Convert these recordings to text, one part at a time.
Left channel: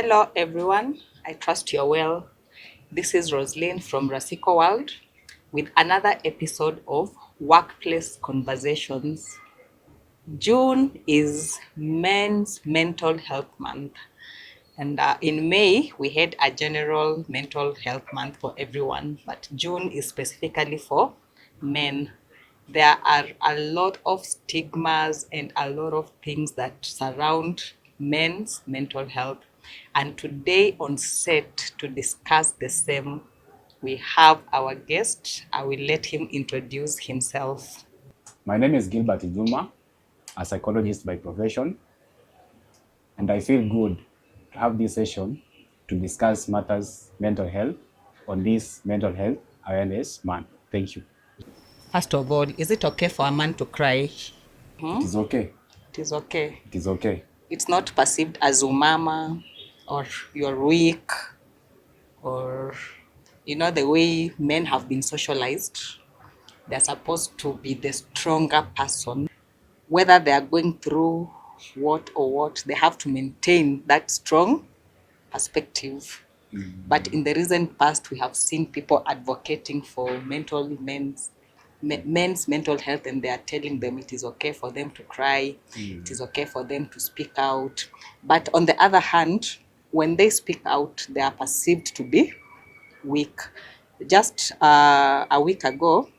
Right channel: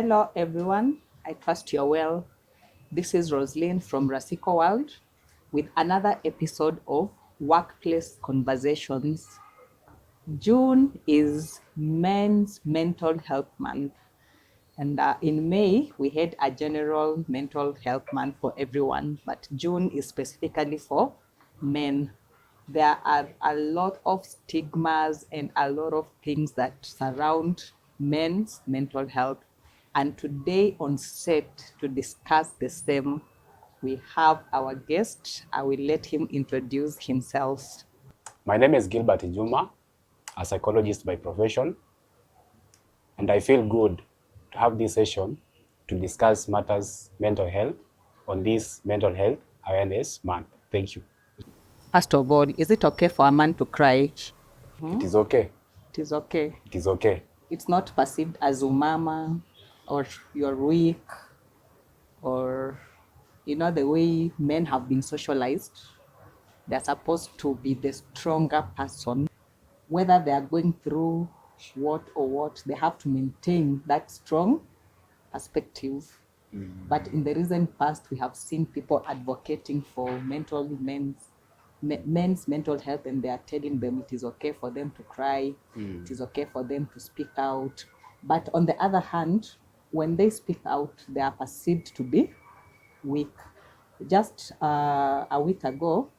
Hello, everyone. I trust you're well. This is Roslyn from Rasiko World with another episode of Workplace Conversations. June is Men's Mental Health Month, and in May, we had a general mental health month for everyone, but June is specifically for men. There are a lot of stigmas and a lot of things that surround men's mental health. And today on set to discuss the same, we have our guest. I will let him introduce himself. My name is Gilbert Ijuma, a psychologist by profession, and I feel good to have this session to discuss matters mental health on this Mental Health Awareness Month. Thank you. First of all, is it okay for a man to cry? It is okay. It is okay. It is okay. It's not perceived as umama or you're weak or the way men have been socialized. They're supposed to be the stronger person. Whether they are going through what, they have to maintain that strong perspective. But in the recent past, we have seen people advocating for men's mental health, and they are telling them it is okay for them to cry, it is okay for them to speak out. But on the other hand, when they speak out, they are perceived to be weak. Just a week ago,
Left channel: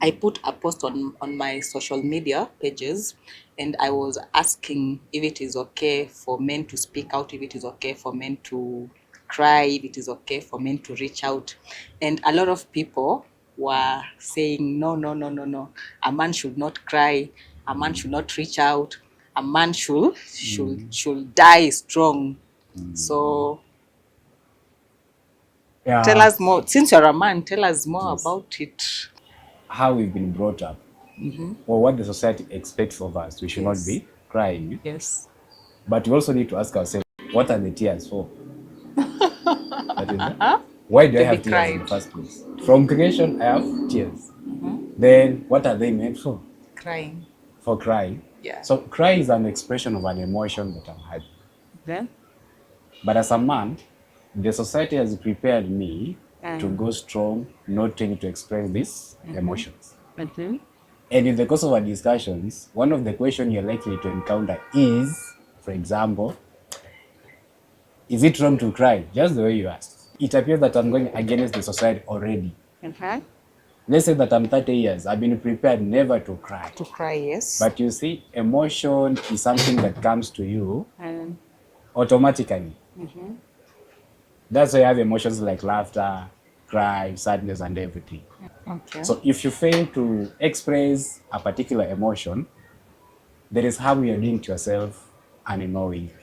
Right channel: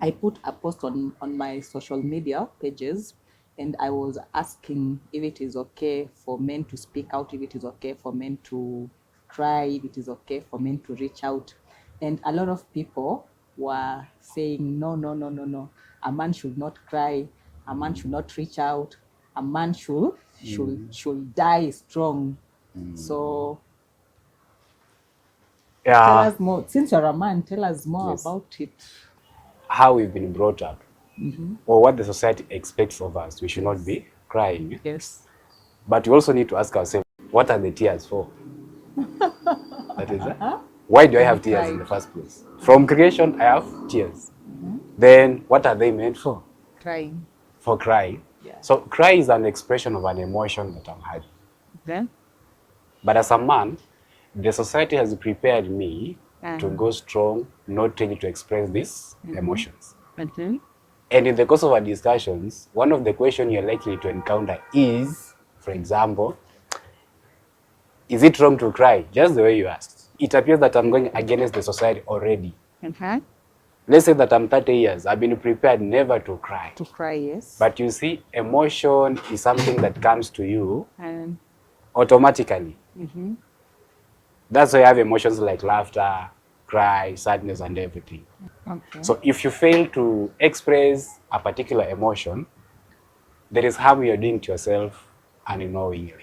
I put a post on my social media pages, and I was asking if it is okay for men to speak out, if it is okay for men to cry, if it is okay for men to reach out. And a lot of people were saying, no, no, no, no, no. A man should not cry. A man should not reach out. A man should die strong. So tell Yeah, us more. Since you're a man, tell us more yes. about it. How we've been brought up, or what the society expects of us. We should not be crying, Yes. but we also need to ask ourselves, what are the tears for? That is, why do I To be have tears in cried. the first place? From creation, I have tears. Then, what are they meant for? Crying. For crying. Yeah. So cry is an expression of an emotion that I've had. Then? But as a man, the society has prepared me to go strong, not ready to express these emotions. Then? And in the course of our discussions, one of the questions you're likely to encounter is, for example, is it wrong to cry? Just the way you asked. It appears that I'm going against the society already. Okay. Let's say that I'm 30 years. I've been prepared never to cry. To cry, yes. But you see, emotion is something that comes to you And automatically. That's why you have emotions like laughter, cry, sadness, and everything. okay. So if you fail to express a particular emotion, there is harm you're doing to yourself unknowingly.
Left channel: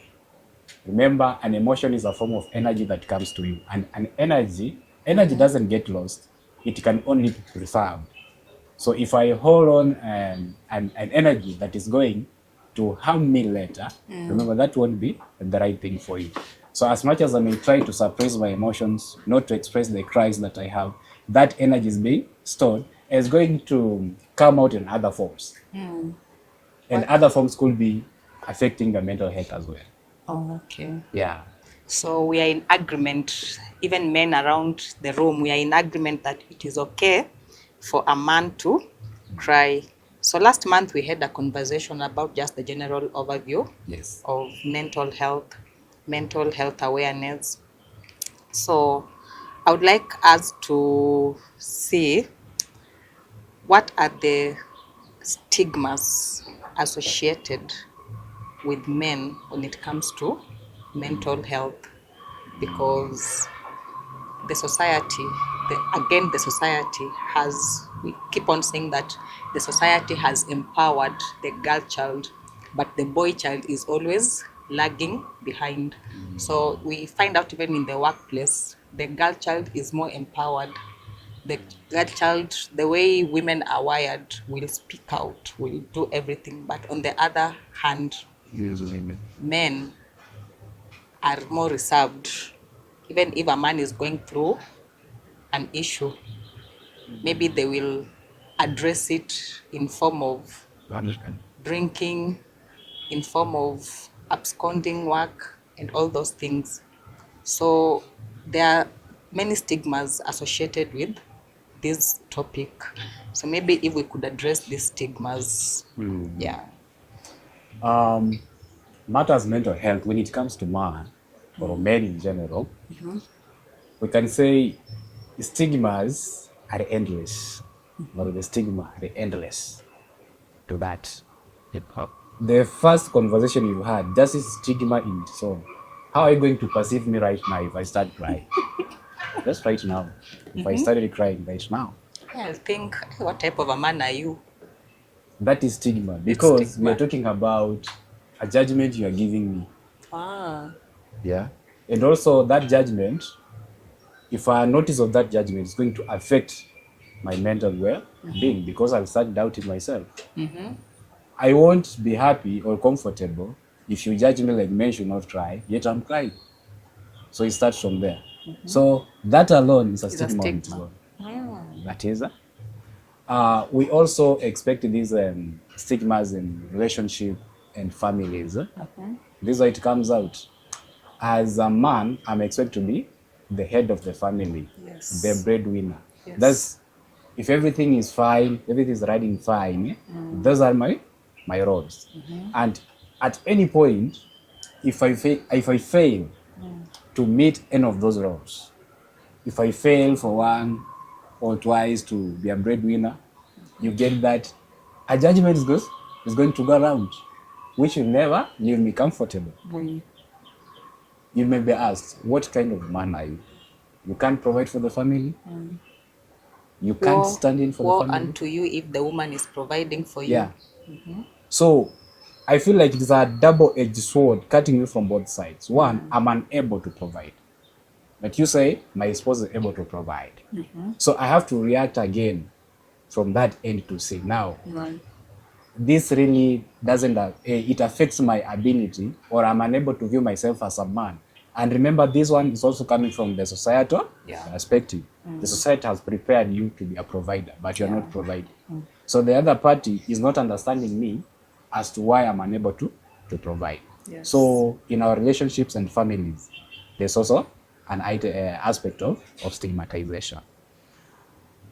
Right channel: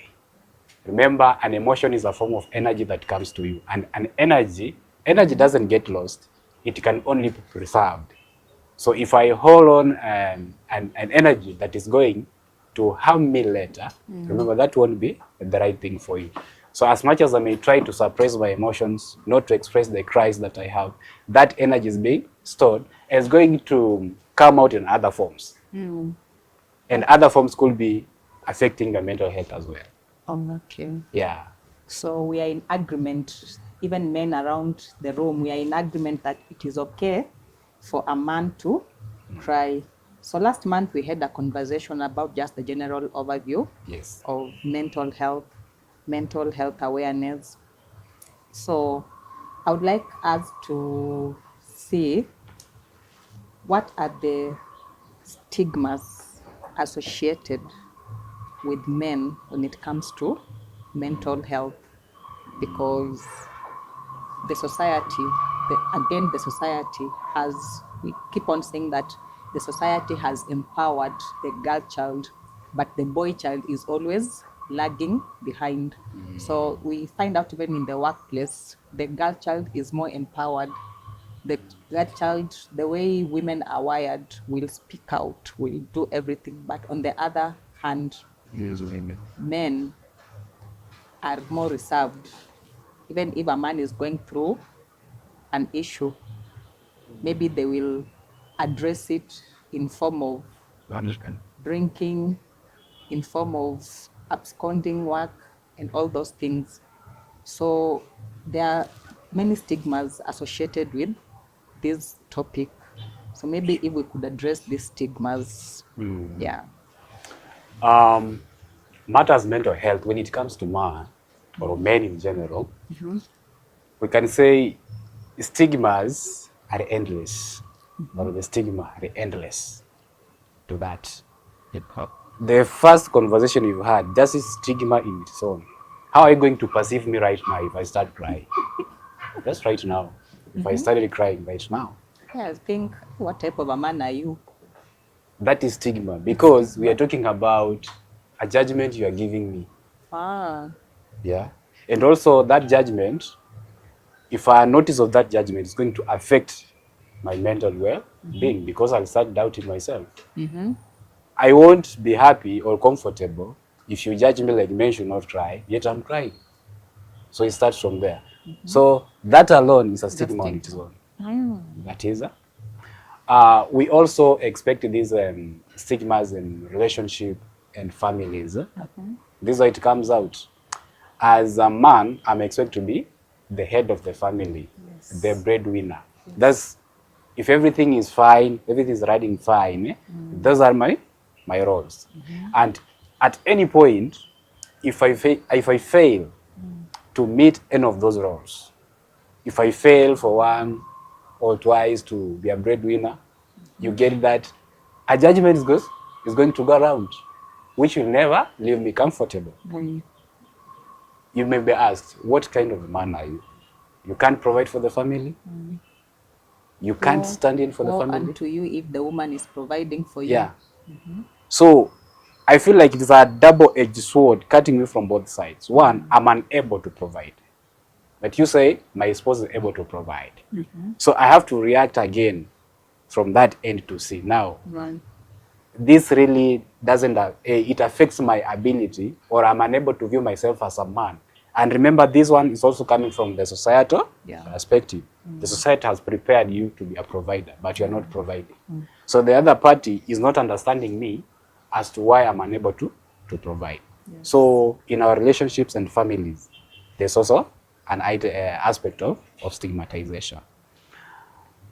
Remember, an emotion is a form of energy that comes to you. And an energy doesn't get lost. It can only be preserved. So if I hold on an energy that is going to harm me later, remember that won't be the right thing for you. So as much as I may try to suppress my emotions, not to express the cries that I have, that energy is being stored and is going to come out in other forms. And other forms could be affecting the mental health as well. Oh, okay. Yeah. So we are in agreement, even men around the room, we are in agreement that it is okay for a man to cry. So last month we had a conversation about just the general overview Yes. of mental health awareness. So I would like us to see what are the stigmas associated with men when it comes to mental health, because the society, the society has, we keep on saying that the society has empowered the girl child, but the boy child is always lagging behind. So we find out even in the workplace, the girl child is more empowered. The girl child, the way women are wired, will speak out, will do everything. But on the other hand, men are more reserved. Even if a man is going through an issue, maybe they will address it in form of drinking, in form of absconding work, and all those things. So there are many stigmas associated with this topic. So maybe if we could address these stigmas, yeah. Matters mental health when it comes to man or men in general, we can say stigmas are endless. Or the stigma are endless to that. The first conversation you had, just is stigma in its own. How are you going to perceive me right now if I start crying? Just right now. If I started crying right now. Yeah, I think, what type of a man are you? That is stigma because stigma. we are talking about a judgment you are giving me. Ah, Yeah. And also that judgment, if I notice of that judgment, it's going to affect my mental well-being because I'll start doubting myself. I won't be happy or comfortable if you judge me like men should not cry, yet I'm crying. So it starts from there. So that alone is a it's a stigma on its stigma. own. That is. We also expect these stigmas in relationship and families. This is how it comes out. As a man, I'm expected to be the head of the family, Yes. the breadwinner. Yes. That's if everything is fine, everything is running fine. Those are my roles. And at any point, if I fail to meet any of those roles, if I fail for one or twice to be a breadwinner, you get that a judgment is going to go around, which will never leave me comfortable. You may be asked, what kind of man are you? You can't provide for the family? You can't stand in for the family? Woe unto you if the woman is providing for you. Yeah. So I feel like it's a double-edged sword cutting me from both sides. One, I'm unable to provide. But you say my spouse is able to provide. So I have to react again from that end to see now. Right. This really doesn't, it affects my ability, or I'm unable to view myself as a man. And remember, this one is also coming from the societal perspective. The society has prepared you to be a provider, but you're not providing. So the other party is not understanding me as to why I'm unable to provide. Yes. So in our relationships and families, there's also an aspect of stigmatization.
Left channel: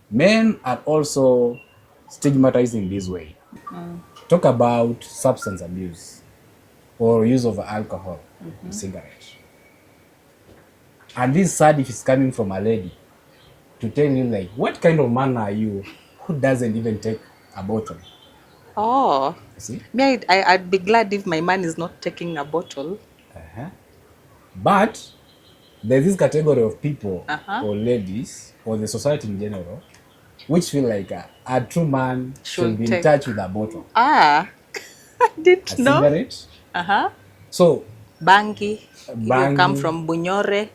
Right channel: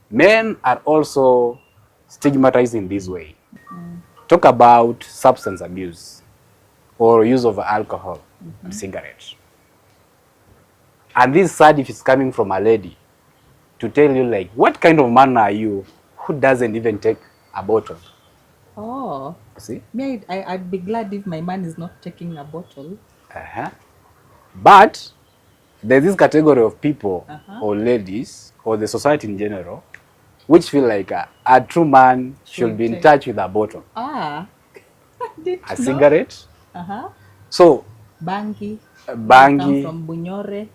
Men are also stigmatized in this way. Talk about substance abuse or use of alcohol and cigarettes. And this is sad if it's coming from a lady to tell you, like, what kind of man are you who doesn't even take a bottle? Oh, See? me, I'd be glad if my man is not taking a bottle. But there's this category of people or ladies or the society in general which feel like a true man should be in touch with a bottle. Ah, I didn't know. Cigarette. So, Bangi. Bangi. You come from Bunyore.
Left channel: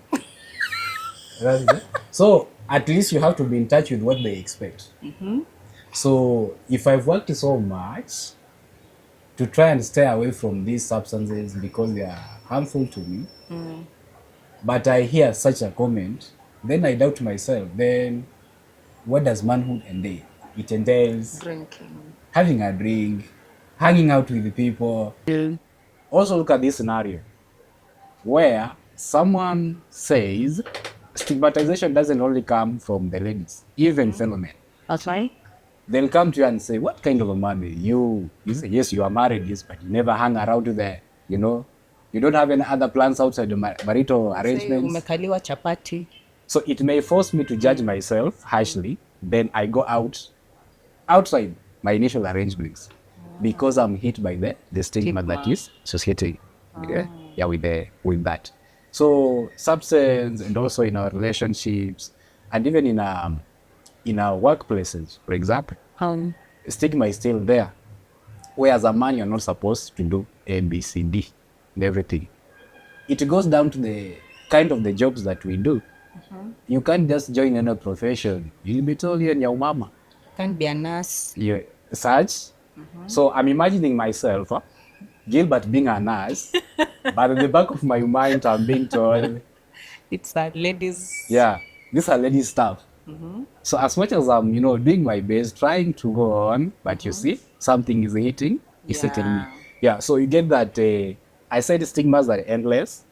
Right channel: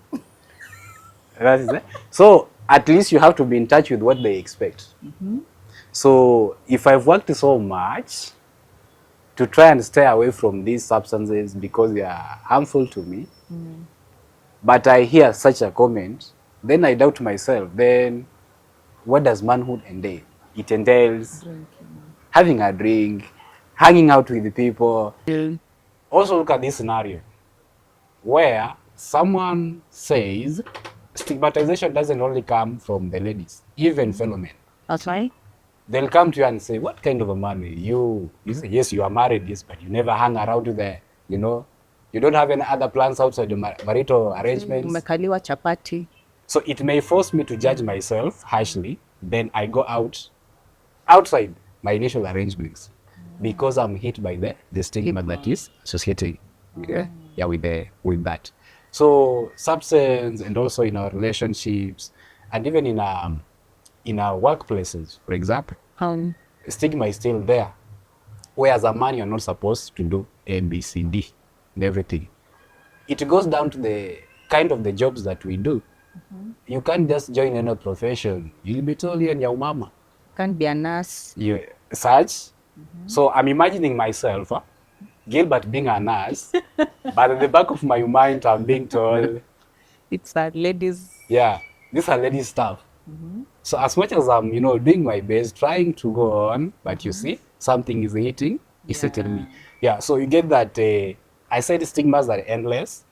That is it. So at least you have to be in touch with what they expect. So if I've worked so much to try and stay away from these substances because they are harmful to me, but I hear such a comment, then I doubt myself. Then what does manhood entail? It entails Drinking. having a drink, hanging out with the people. Also look at this scenario where someone says stigmatization doesn't only come from the ladies, even fellow men. That's right. They'll come to you and say, what kind of a man are you? You say, yes, you are married, yes, but you never hang around with the, you don't have any other plans outside the marital arrangements. Umekaliwa chapati. So it may force me to judge myself harshly. Then I go outside my initial arrangements because I'm hit by the stigma that is associated with that. So substance, and also in our relationships, and even in our workplaces, for example, stigma is still there. Where as a man, you're not supposed to do A, B, C, D, and everything. It goes down to the kind of the jobs that we do. You can't just join any profession. You'll be told you're your mama. Can't be a nurse. Such. So I'm imagining myself, Gilbert being a nurse, but at the back of my mind, I'm being told, it's a ladies. Yeah, these are ladies' stuff. So as much as I'm, doing my best, trying to go on, but you see, something is hitting, it's hitting me. Yeah, so you get that. I said stigmas are endless.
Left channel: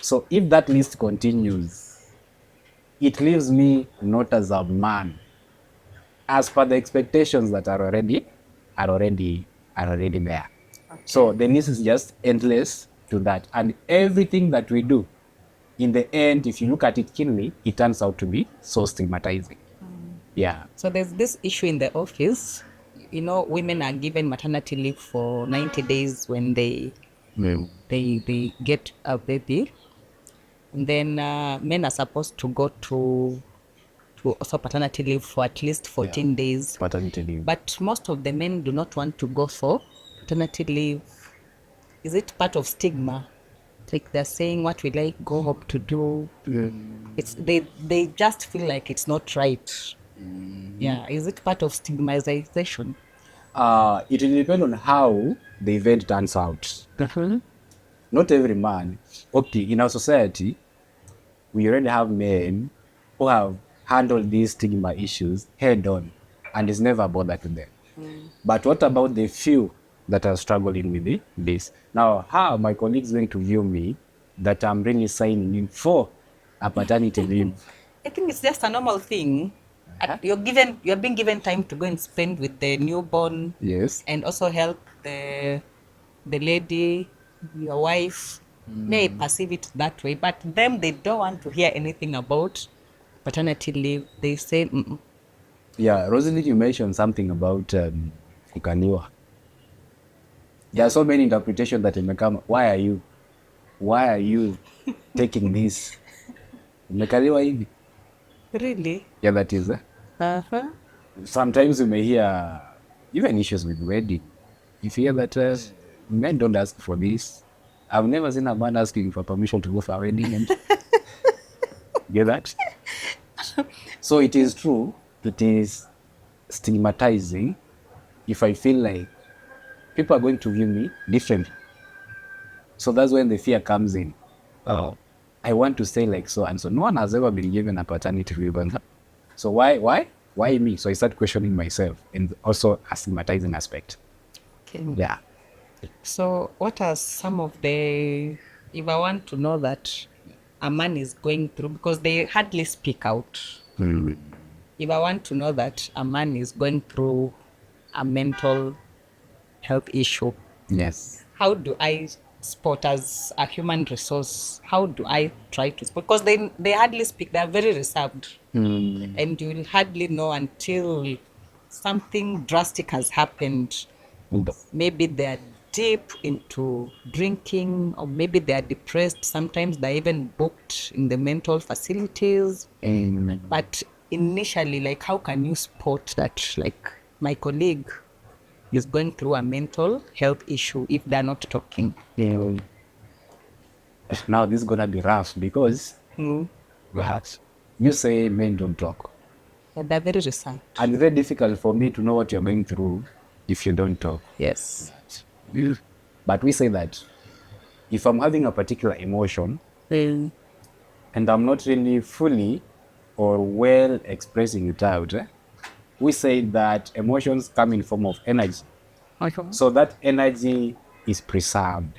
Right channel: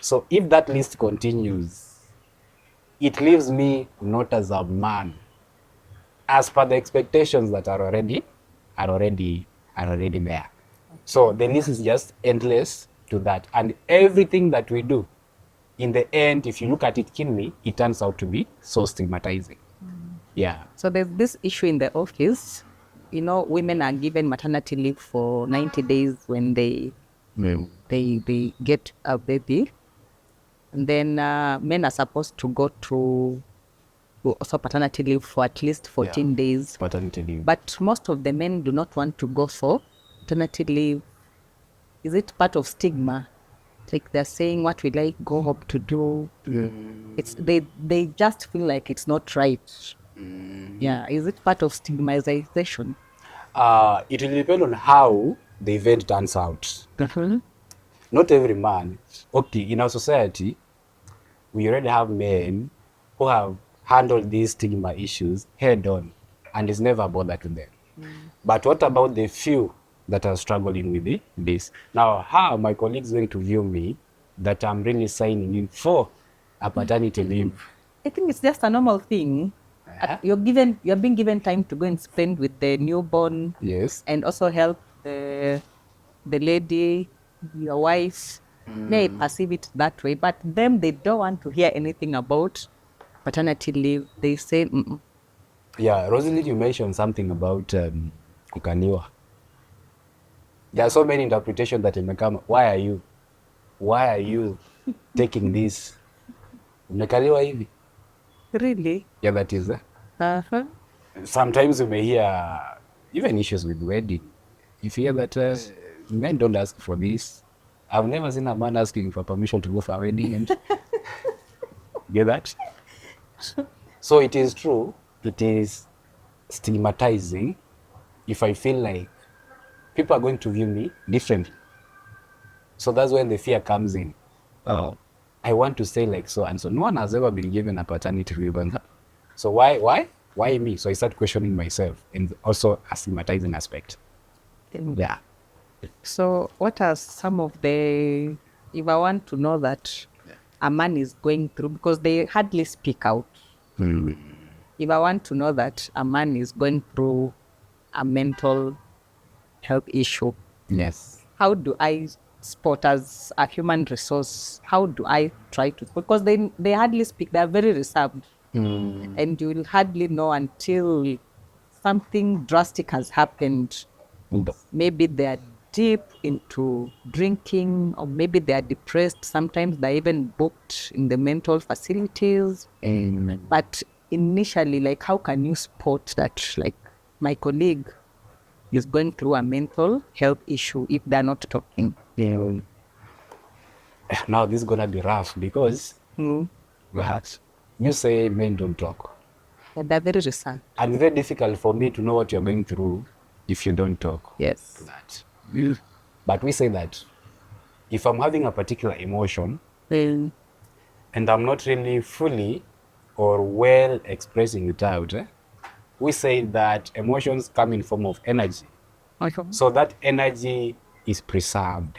So if that list continues, it leaves me not as a man, as per the expectations that are already there. So the list is just endless to that. And everything that we do, in the end, if you look at it keenly, it turns out to be so stigmatizing. Yeah. So there's this issue in the office. You know, women are given maternity leave for 90 days when they get a baby. And then men are supposed to go to also paternity leave for at least 14 days. Paternity leave. But most of the men do not want to go for paternity leave. Is it part of stigma? Like they're saying, what will I go up to do? It's they just feel like it's not right. Yeah, is it part of stigmatization? It will depend on how the event turns out. Not every man. Okay, in our society, we already have men who have handled these stigma issues head on, and it's never bothered them. But what about the few that are struggling with this? Now, how are my colleagues going to view me that I'm really signing in for a paternity leave? I think it's just a normal thing. You're being given time to go and spend with the newborn. Yes. And also help the lady, your wife. May perceive it that way, but them, they don't want to hear anything about paternity leave. They say, mm-mm. Yeah, Rosalie, you mentioned something about kukaniwa. There are so many interpretations that may come. Why are you taking this? Umekaliwa hivi? Really? Yeah, that is. Uh-huh. Sometimes you may hear even issues with wedding. If you hear that men don't ask for this, I've never seen a man asking for permission to go for a wedding. And get that? So it is true. It is stigmatizing if I feel like people are going to view me differently. So that's when the fear comes in. Oh, I want to say like so and so. No one has ever been given a paternity leave. So why me? So I start questioning myself, and also a stigmatizing aspect. Okay. Yeah. So what are some of the, if I want to know that a man is going through, because they hardly speak out. If I want to know that a man is going through a mental health issue, Yes. how do I spot as a human resource? How do I try to spot? Because they hardly speak. They are very reserved. And you will hardly know until something drastic has happened. Maybe they're deep into drinking, or maybe they're depressed. Sometimes they're even booked in the mental facilities. But initially, like, how can you spot that, like, my colleague is going through a mental health issue if they're not talking? Now this is gonna be rough because perhaps you say men don't talk. Yeah, they're very reserved. And very difficult for me to know what you're going through if you don't talk. Yes. But we say that if I'm having a particular emotion Mm. and I'm not really fully or well expressing it out, we say that emotions come in form of energy. Okay. So that energy is preserved.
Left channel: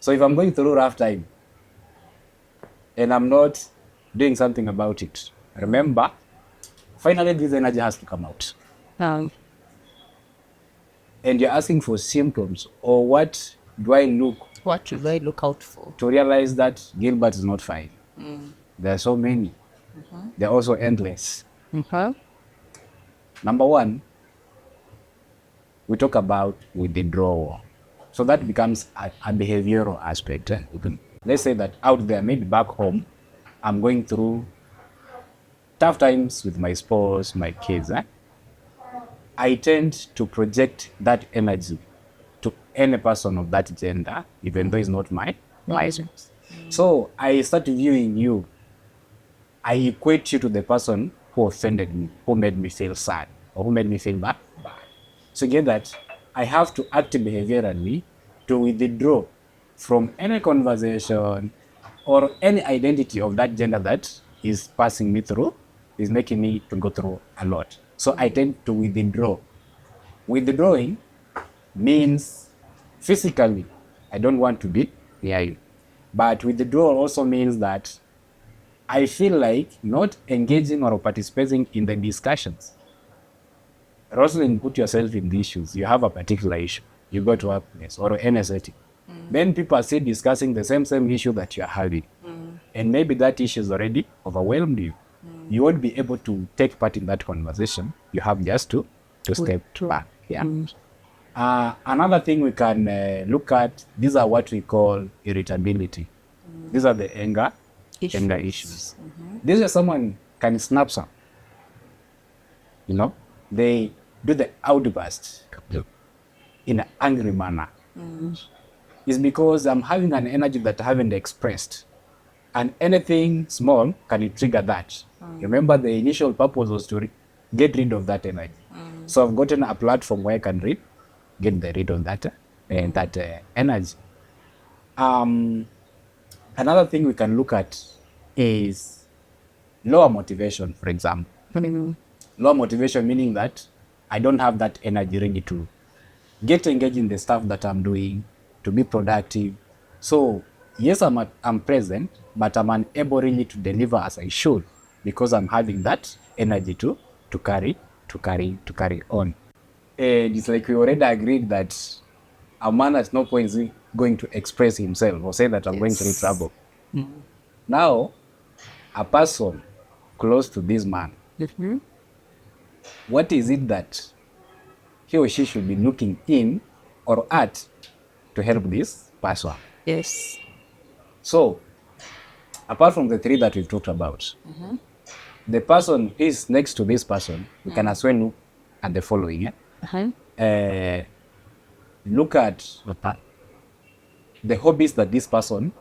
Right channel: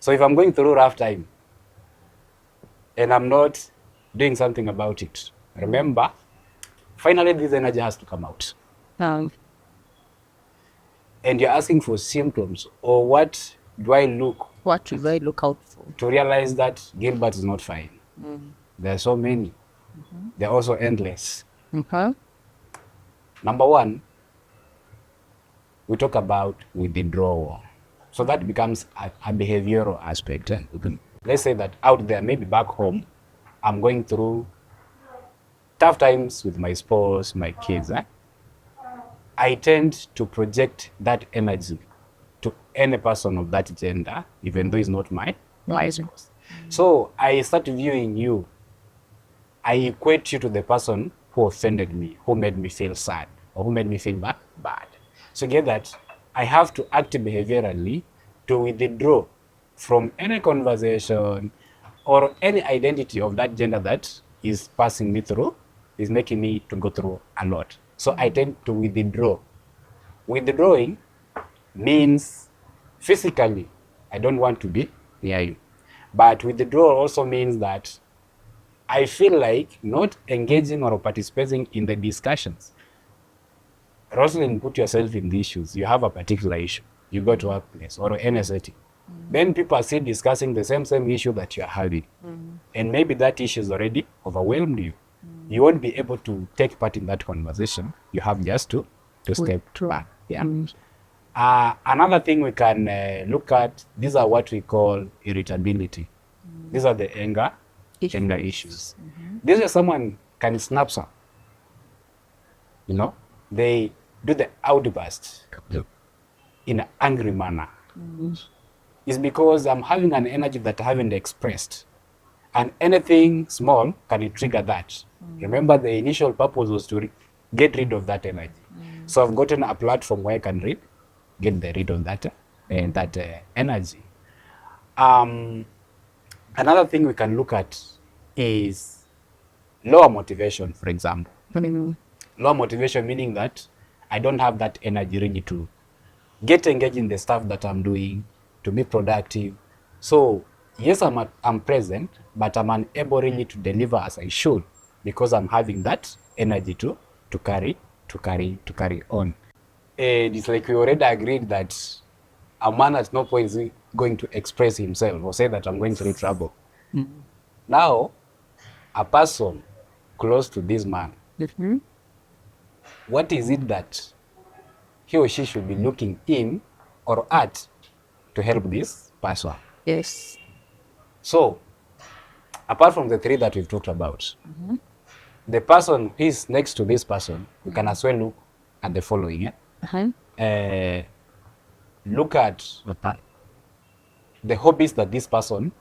So if I'm going through a rough time and I'm not doing something about it, remember, finally this energy has to come out. And you're asking for symptoms, or what do I look What should I look out for? to realize that Gilbert is not fine? There are so many. They're also endless. Okay. Number one, we talk about withdrawal. So that becomes a behavioral aspect. Let's say that out there, maybe back home, I'm going through tough times with my spouse, my kids. I tend to project that energy to any person of that gender, even though it's not my spouse. So I start viewing you. I equate you to the person who offended me, who made me feel sad, or who made me feel bad. So get that I have to act behaviorally to withdraw from any conversation or any identity of that gender that is passing me through, is making me to go through a lot. So I tend to withdraw. Withdrawing means physically, I don't want to be near you. But withdrawal also means that I feel like not engaging or participating in the discussions. Rosalind, put yourself in these shoes. You have a particular issue. You go to a workplace or any setting. Then people are still discussing the same issue that you're having. And maybe that issue is already overwhelmed you. You won't be able to take part in that conversation. You have just to step back. Yeah. Another thing we can look at, these are what we call irritability. These are the anger issues. This is someone can snap some. You know, they do the outburst in an angry manner. It's because I'm having an energy that I haven't expressed. And anything small can trigger that. Remember, the initial purpose was to get rid of that energy. So I've gotten a platform where I can get rid of that energy. Another thing we can look at is lower motivation, for example. Lower motivation meaning that I don't have that energy ready to get engaged in the stuff that I'm doing, to be productive. So yes, I'm present, but I'm unable really to deliver as I should because I'm having that energy to carry on. And it's like we already agreed that a man at no point is going to express himself or say that I'm going through trouble. Now, a person close to this man, what is it that he or she should be looking in or at to help this person? Yes. So, apart from the three that we've talked about, the person who is next to this person, we can as well look at the following. Look at the hobbies that this person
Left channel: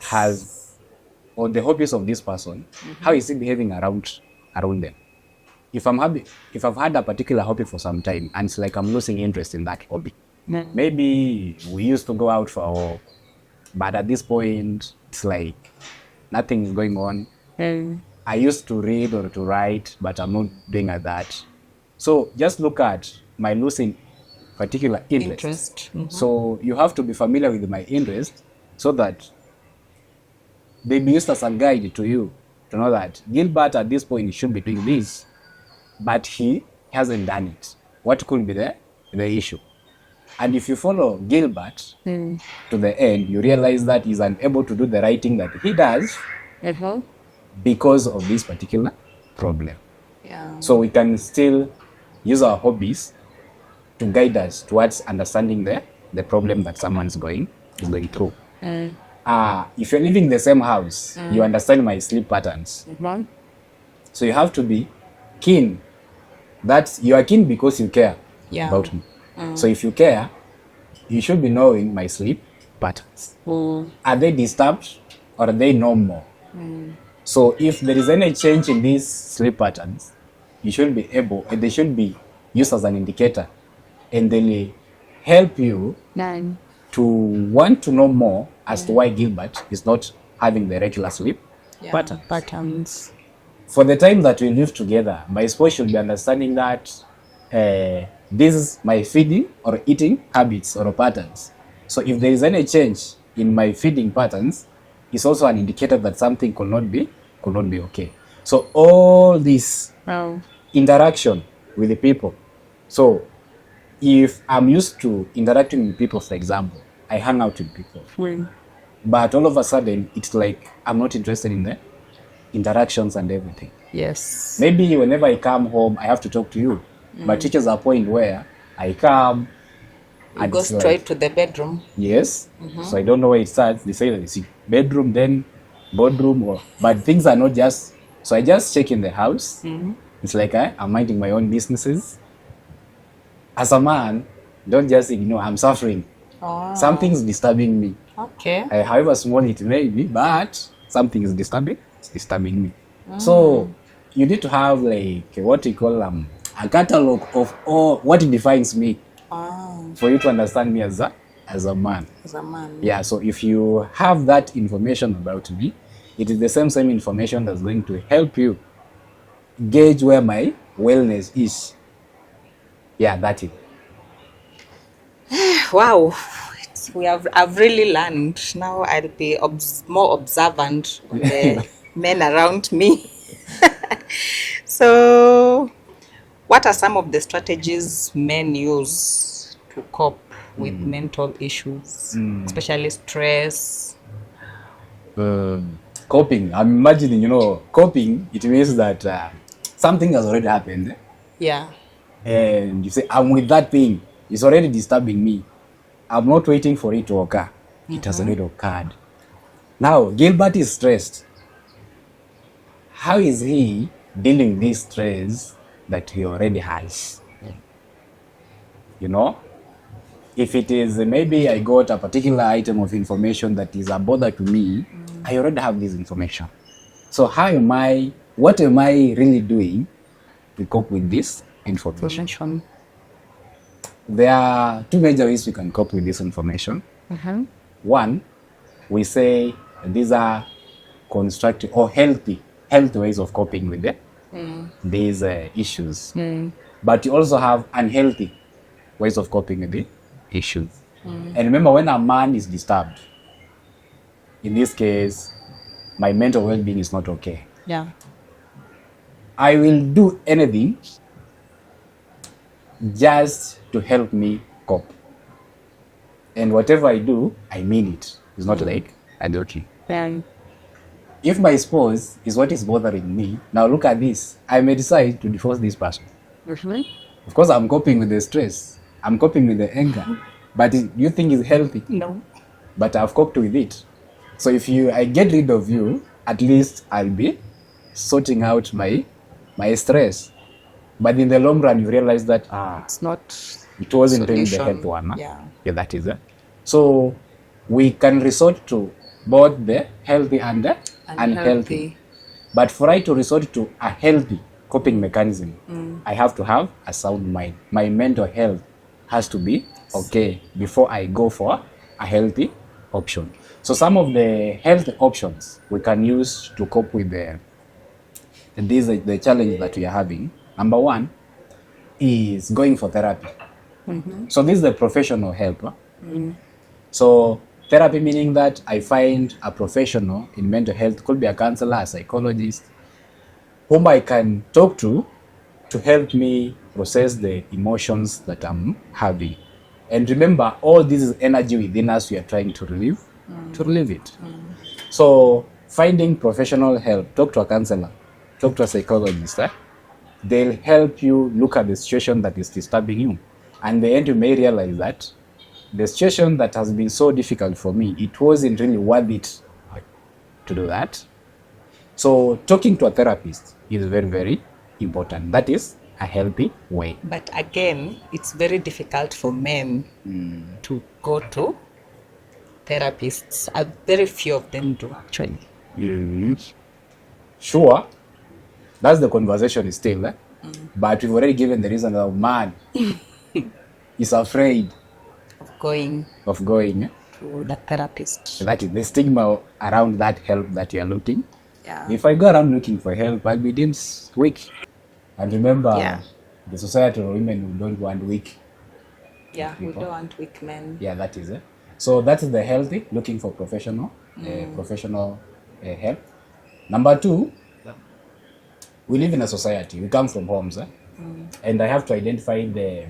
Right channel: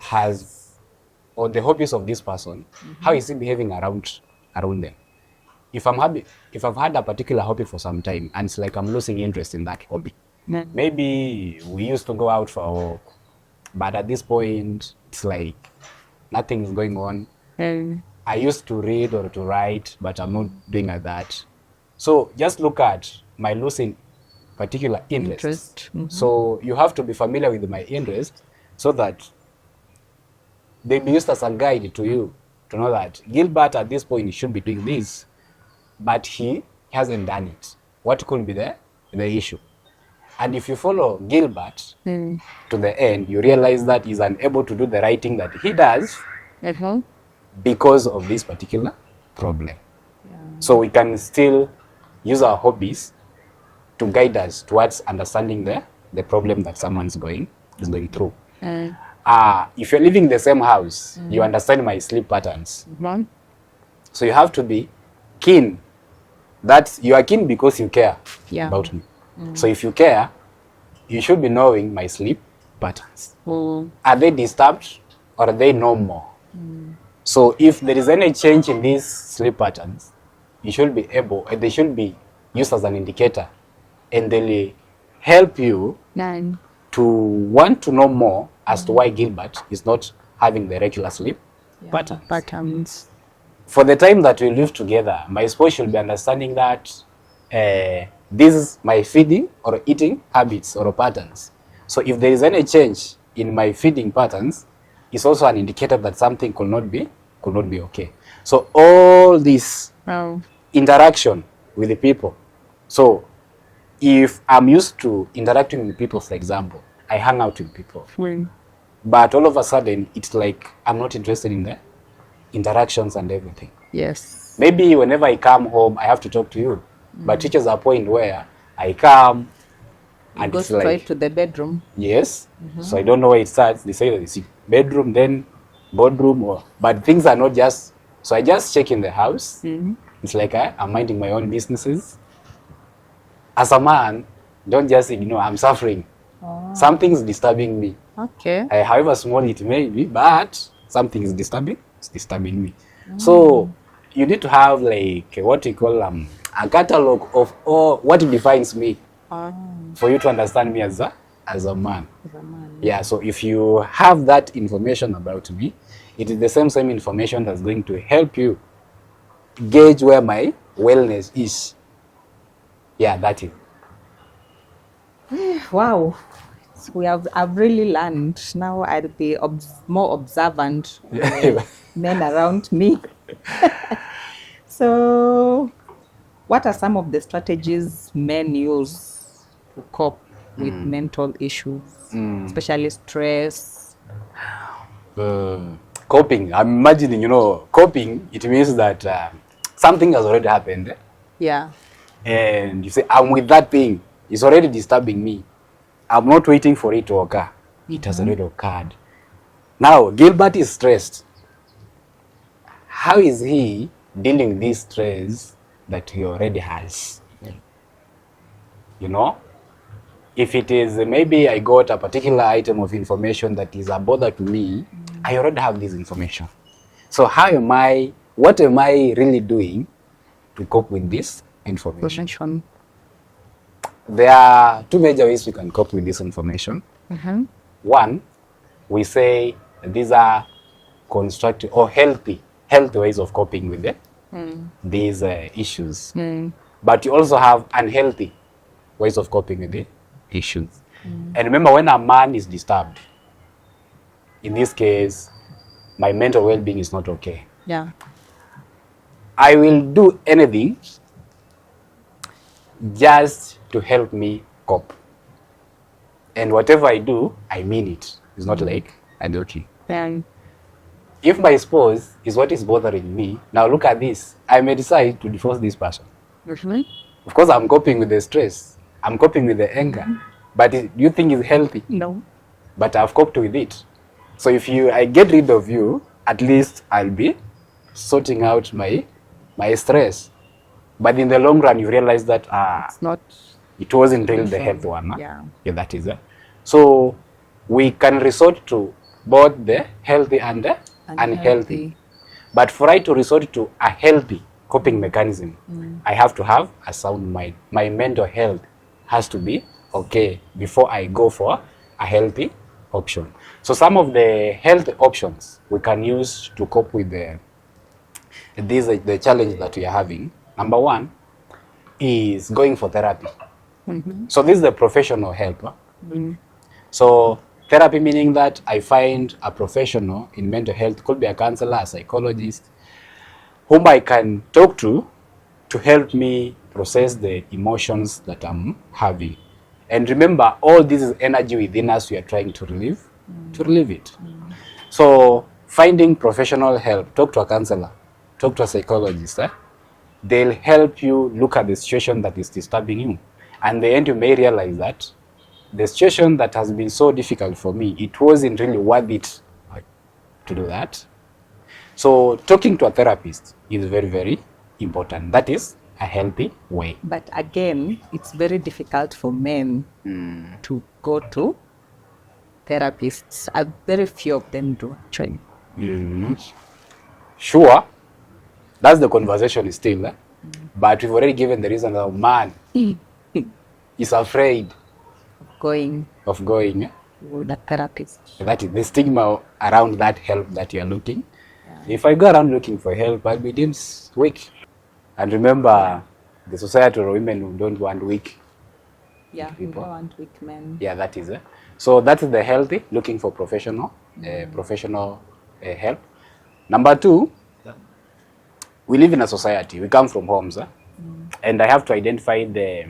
has, or the hobbies of this person. How is he behaving around them? If I've had a particular hobby for some time and it's like I'm losing interest in that hobby, maybe we used to go out for a walk, but at this point it's like nothing is going on. I used to read or to write, but I'm not doing that. So just look at my losing particular interest. So you have to be familiar with my interest so that they be used as a guide to you to know that Gilbert at this point should be doing this, but he hasn't done it. What could be the issue? And if you follow Gilbert to the end, you realize that he's unable to do the right thing that he does because of this particular problem. So we can still use our hobbies to guide us towards understanding the problem that someone's going through. If you're living in the same house, you understand my sleep patterns. So you have to be keen. That you are keen because you care about me. So if you care, you should be knowing my sleep patterns. Are they disturbed or are they normal? So if there is any change in these sleep patterns, you should be able, and they should be used as an indicator, and they'll help you to want to know more as to why Gilbert is not having the regular sleep patterns. For the time that we live together, my spouse should be understanding that this is my feeding or eating habits or patterns. So if there is any change in my feeding patterns, it's also an indicator that something could not be okay. So all this interaction with the people. So if I'm used to interacting with people, for example, I hang out with people. But all of a sudden, it's like I'm not interested in the interactions and everything. Yes. Maybe whenever I come home, I have to talk to you. But reaches a point where I come and go straight to the bedroom. Yes. So I don't know where it starts. They say that it's bedroom, then boardroom, but things are not just. So I just check in the house. It's like I'm minding my own businesses. As a man, don't just ignore. I'm suffering. Something's disturbing me. Okay. However small it may be, but something is disturbing. It's disturbing me. So you need to have like what you call a catalog of all what defines me for you to understand me as a man. As a man. Yeah. So if you have that information about me, it is the same information that's going to help you gauge where my wellness is. Yeah, that's it. Wow, I've really learned. Now I'll be more observant of the men around me. So, what are some of the strategies men use to cope with mental issues, especially stress? Coping. I'm imagining, coping, it means that something has already happened. Yeah. And you say, I'm with that thing. It's already disturbing me. I'm not waiting for it to occur. It has already occurred. Now, Gilbert is stressed. How is he dealing with this stress that he already has? If it is maybe I got a particular item of information that is a bother to me, I already have this information. So what am I really doing to cope with this information? There are two major ways we can cope with this information. One, we say these are constructive or healthy ways of coping with these issues. But you also have unhealthy ways of coping with the issues. And remember, when a man is disturbed, in this case, my mental well-being is not okay. Yeah. I will do anything just to help me cope. And whatever I do, I mean it. It's not like I don't. If my spouse is what is bothering me, now look at this. I may decide to divorce this person. Of course, I'm coping with the stress. I'm coping with the anger. But do you think it's healthy? No. But I've coped with it. So if I get rid of you, at least I'll be sorting out my stress. But in the long run, you realize that It's not. it wasn't really the solution. health one. Yeah. That is it. So we can resort to both the healthy and the unhealthy. But for I to resort to a healthy coping mechanism, I have to have a sound mind. My mental health has to be okay before I go for a healthy option. So some of the healthy options we can use to cope with the challenge that we are having. Number one is going for therapy. So this is the professional help. So therapy meaning that I find a professional in mental health, could be a counselor, a psychologist, whom I can talk to help me process the emotions that I'm having. And remember, all this is energy within us we are trying to relieve it. So finding professional help, talk to a counselor, talk to a psychologist. They'll help you look at the situation that is disturbing you. And in the end, you may realize that the situation that has been so difficult for me, it wasn't really worth it to do that. So talking to a therapist is very, very important. That is a healthy way. But again, it's very difficult for men to go to therapists. Very few of them do, actually. Sure, that's the conversation still. But we've already given the reason that man is afraid Going of going to the therapist. That is the stigma around that help that you're looking. Yeah. If I go around looking for help, I'll be deemed weak. And remember, the society of women who don't want weak. Yeah, we don't want weak men. Yeah, that is it. So that is the healthy, looking for professional help. Number two, we live in a society. We come from homes. And I have to identify the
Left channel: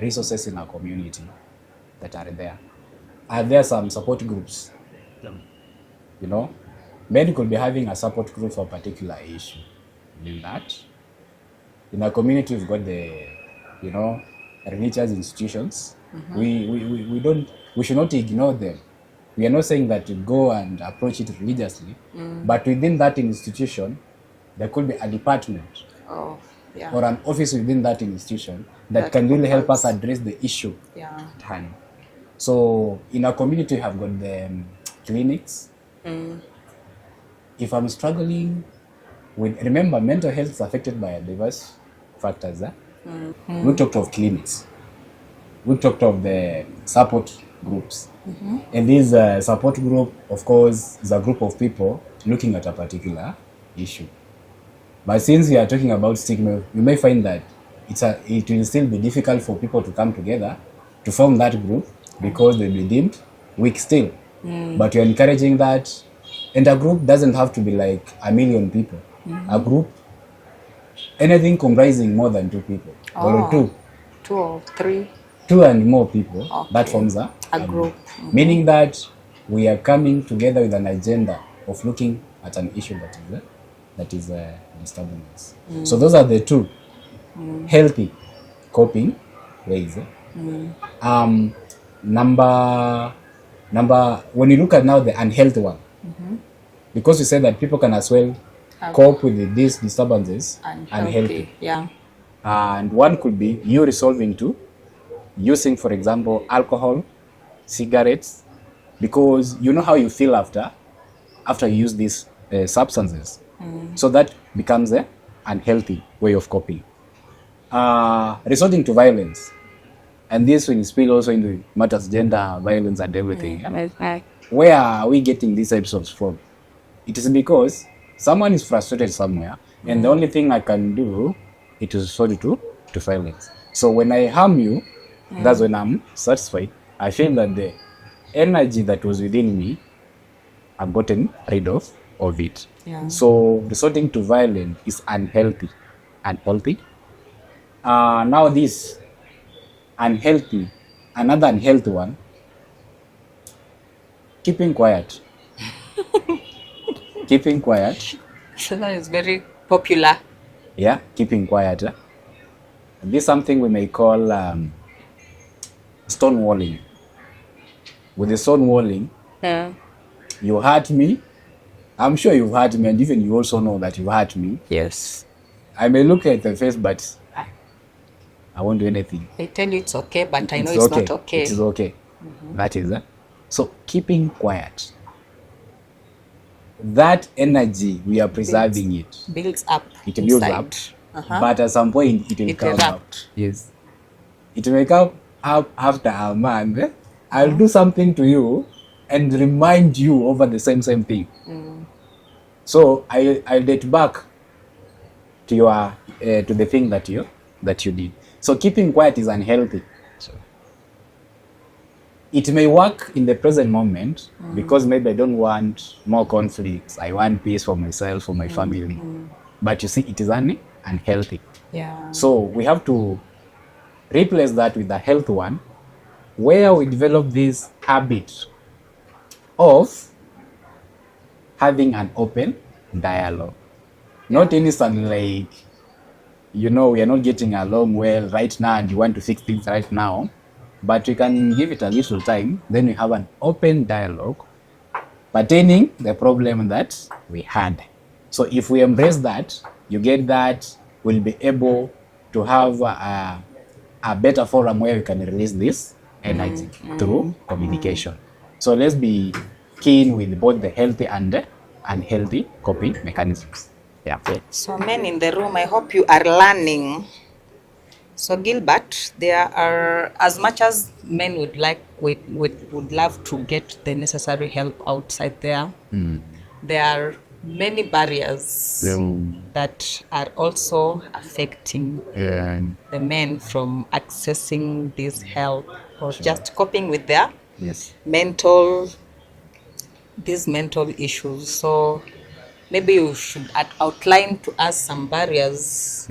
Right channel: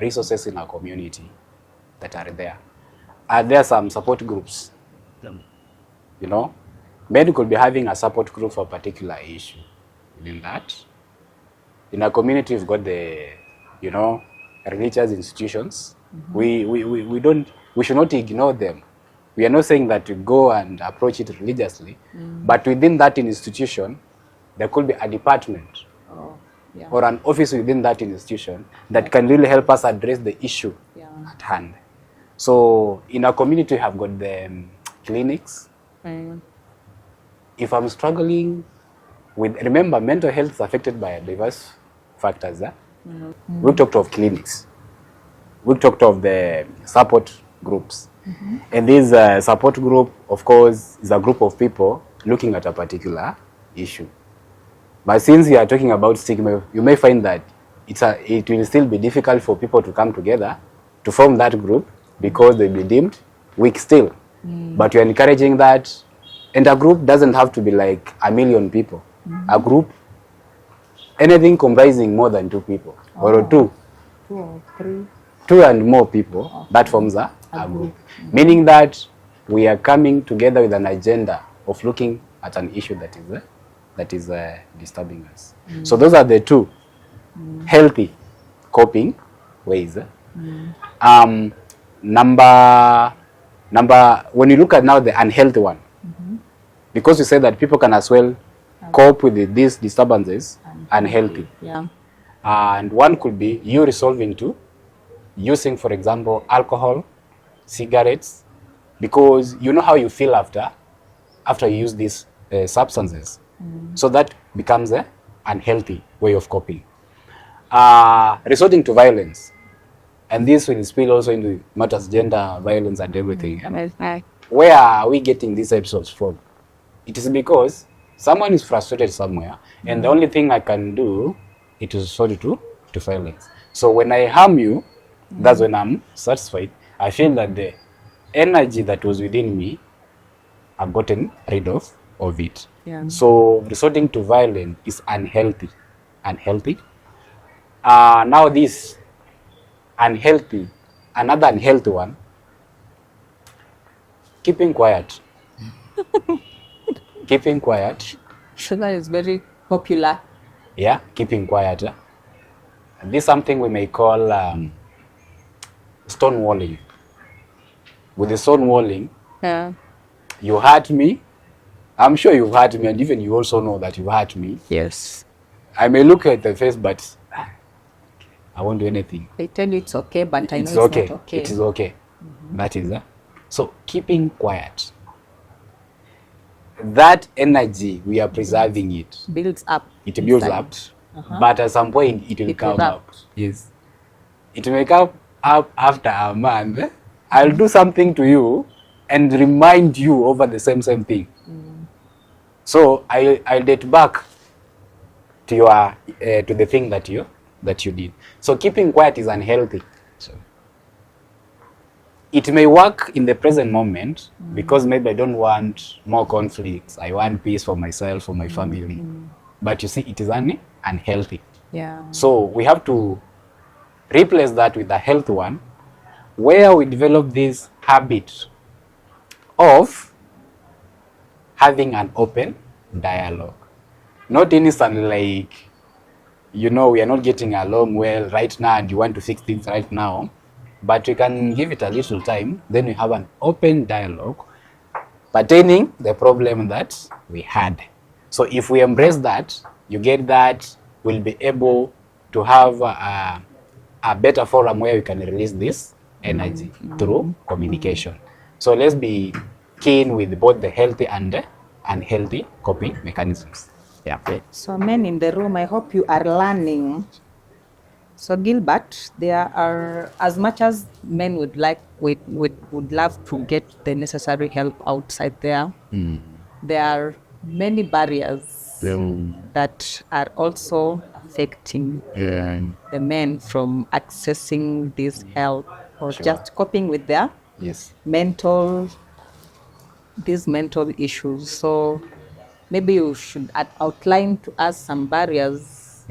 resources in our community that are there. Are there some support groups? Men could be having a support group for a particular issue. In that, in our community, we've got the, religious institutions. We should not ignore them. We are not saying that you go and approach it religiously, but within that institution, there could be a department or an office within that institution that can really help us address the issue at hand. So in our community, we have got the clinics. If I'm struggling with, remember, mental health is affected by diverse factors. We talked of clinics. We talked of the support groups. And this support group, of course, is a group of people looking at a particular issue. But since we are talking about stigma, you may find that it will still be difficult for people to come together to form that group because they'll be deemed weak still. But you're encouraging that. And a group doesn't have to be like 1,000,000 people. A group, anything comprising more than 2 people or 2. 2 or 3. 2 and more people, Okay. that forms a group. Meaning that we are coming together with an agenda of looking at an issue that is disturbing us. So those are the 2 healthy coping ways. Number, when you look at now the unhealthy one, because you say that people can as well cope with these disturbances unhealthy. Yeah. And one could be you resolving to using, for example, alcohol, cigarettes, because you know how you feel after you use these substances. So that becomes an unhealthy way of coping. Resorting to violence, and this will spill also into matters gender violence and everything. Where are we getting these episodes from? It is because someone is frustrated somewhere, and the only thing I can do it is resort to violence. So when I harm you, that's when I'm satisfied. I feel that the energy that was within me, I've gotten rid of it. Yeah. So resorting to violence is unhealthy. Now this unhealthy, another unhealthy one, keeping quiet. Keeping quiet. So that is very popular. Yeah, keeping quiet. And this is something we may call stonewalling. With the stonewalling, you hurt me. I'm sure you've hurt me, and even you also know that you hurt me. Yes. I may look at the face, but I won't do anything. They tell you it's okay, but I know it's not okay. It is okay. That is so keeping quiet. That energy, we are preserving it. Builds up. It builds up. But at some point, it will come out. Yes. It will come up after a month. I'll do something to you and remind you over the same thing. So I'll date back to your to the thing that you did. So keeping quiet is unhealthy. So it may work in the present moment because maybe I don't want more conflicts. I want peace for myself, for my family. But you see, it is unhealthy. Yeah. So we have to replace that with a healthy one, where we develop this habit of having an open dialogue. Not instantly like, we are not getting along well right now and you want to fix things right now, but we can give it a little time. Then we have an open dialogue pertaining the problem that we had. So if we embrace that, you get that, we'll be able to have a better forum where we can release this energy through communication. So let's be keen with both the healthy and the unhealthy coping mechanisms. Yeah. So men in the room, I hope you are learning. So Gilbert, there are, as much as men would love to get the necessary help outside there, there are many barriers that are also affecting the men from accessing this help or just coping with their mental issues. So maybe you should outline to us some barriers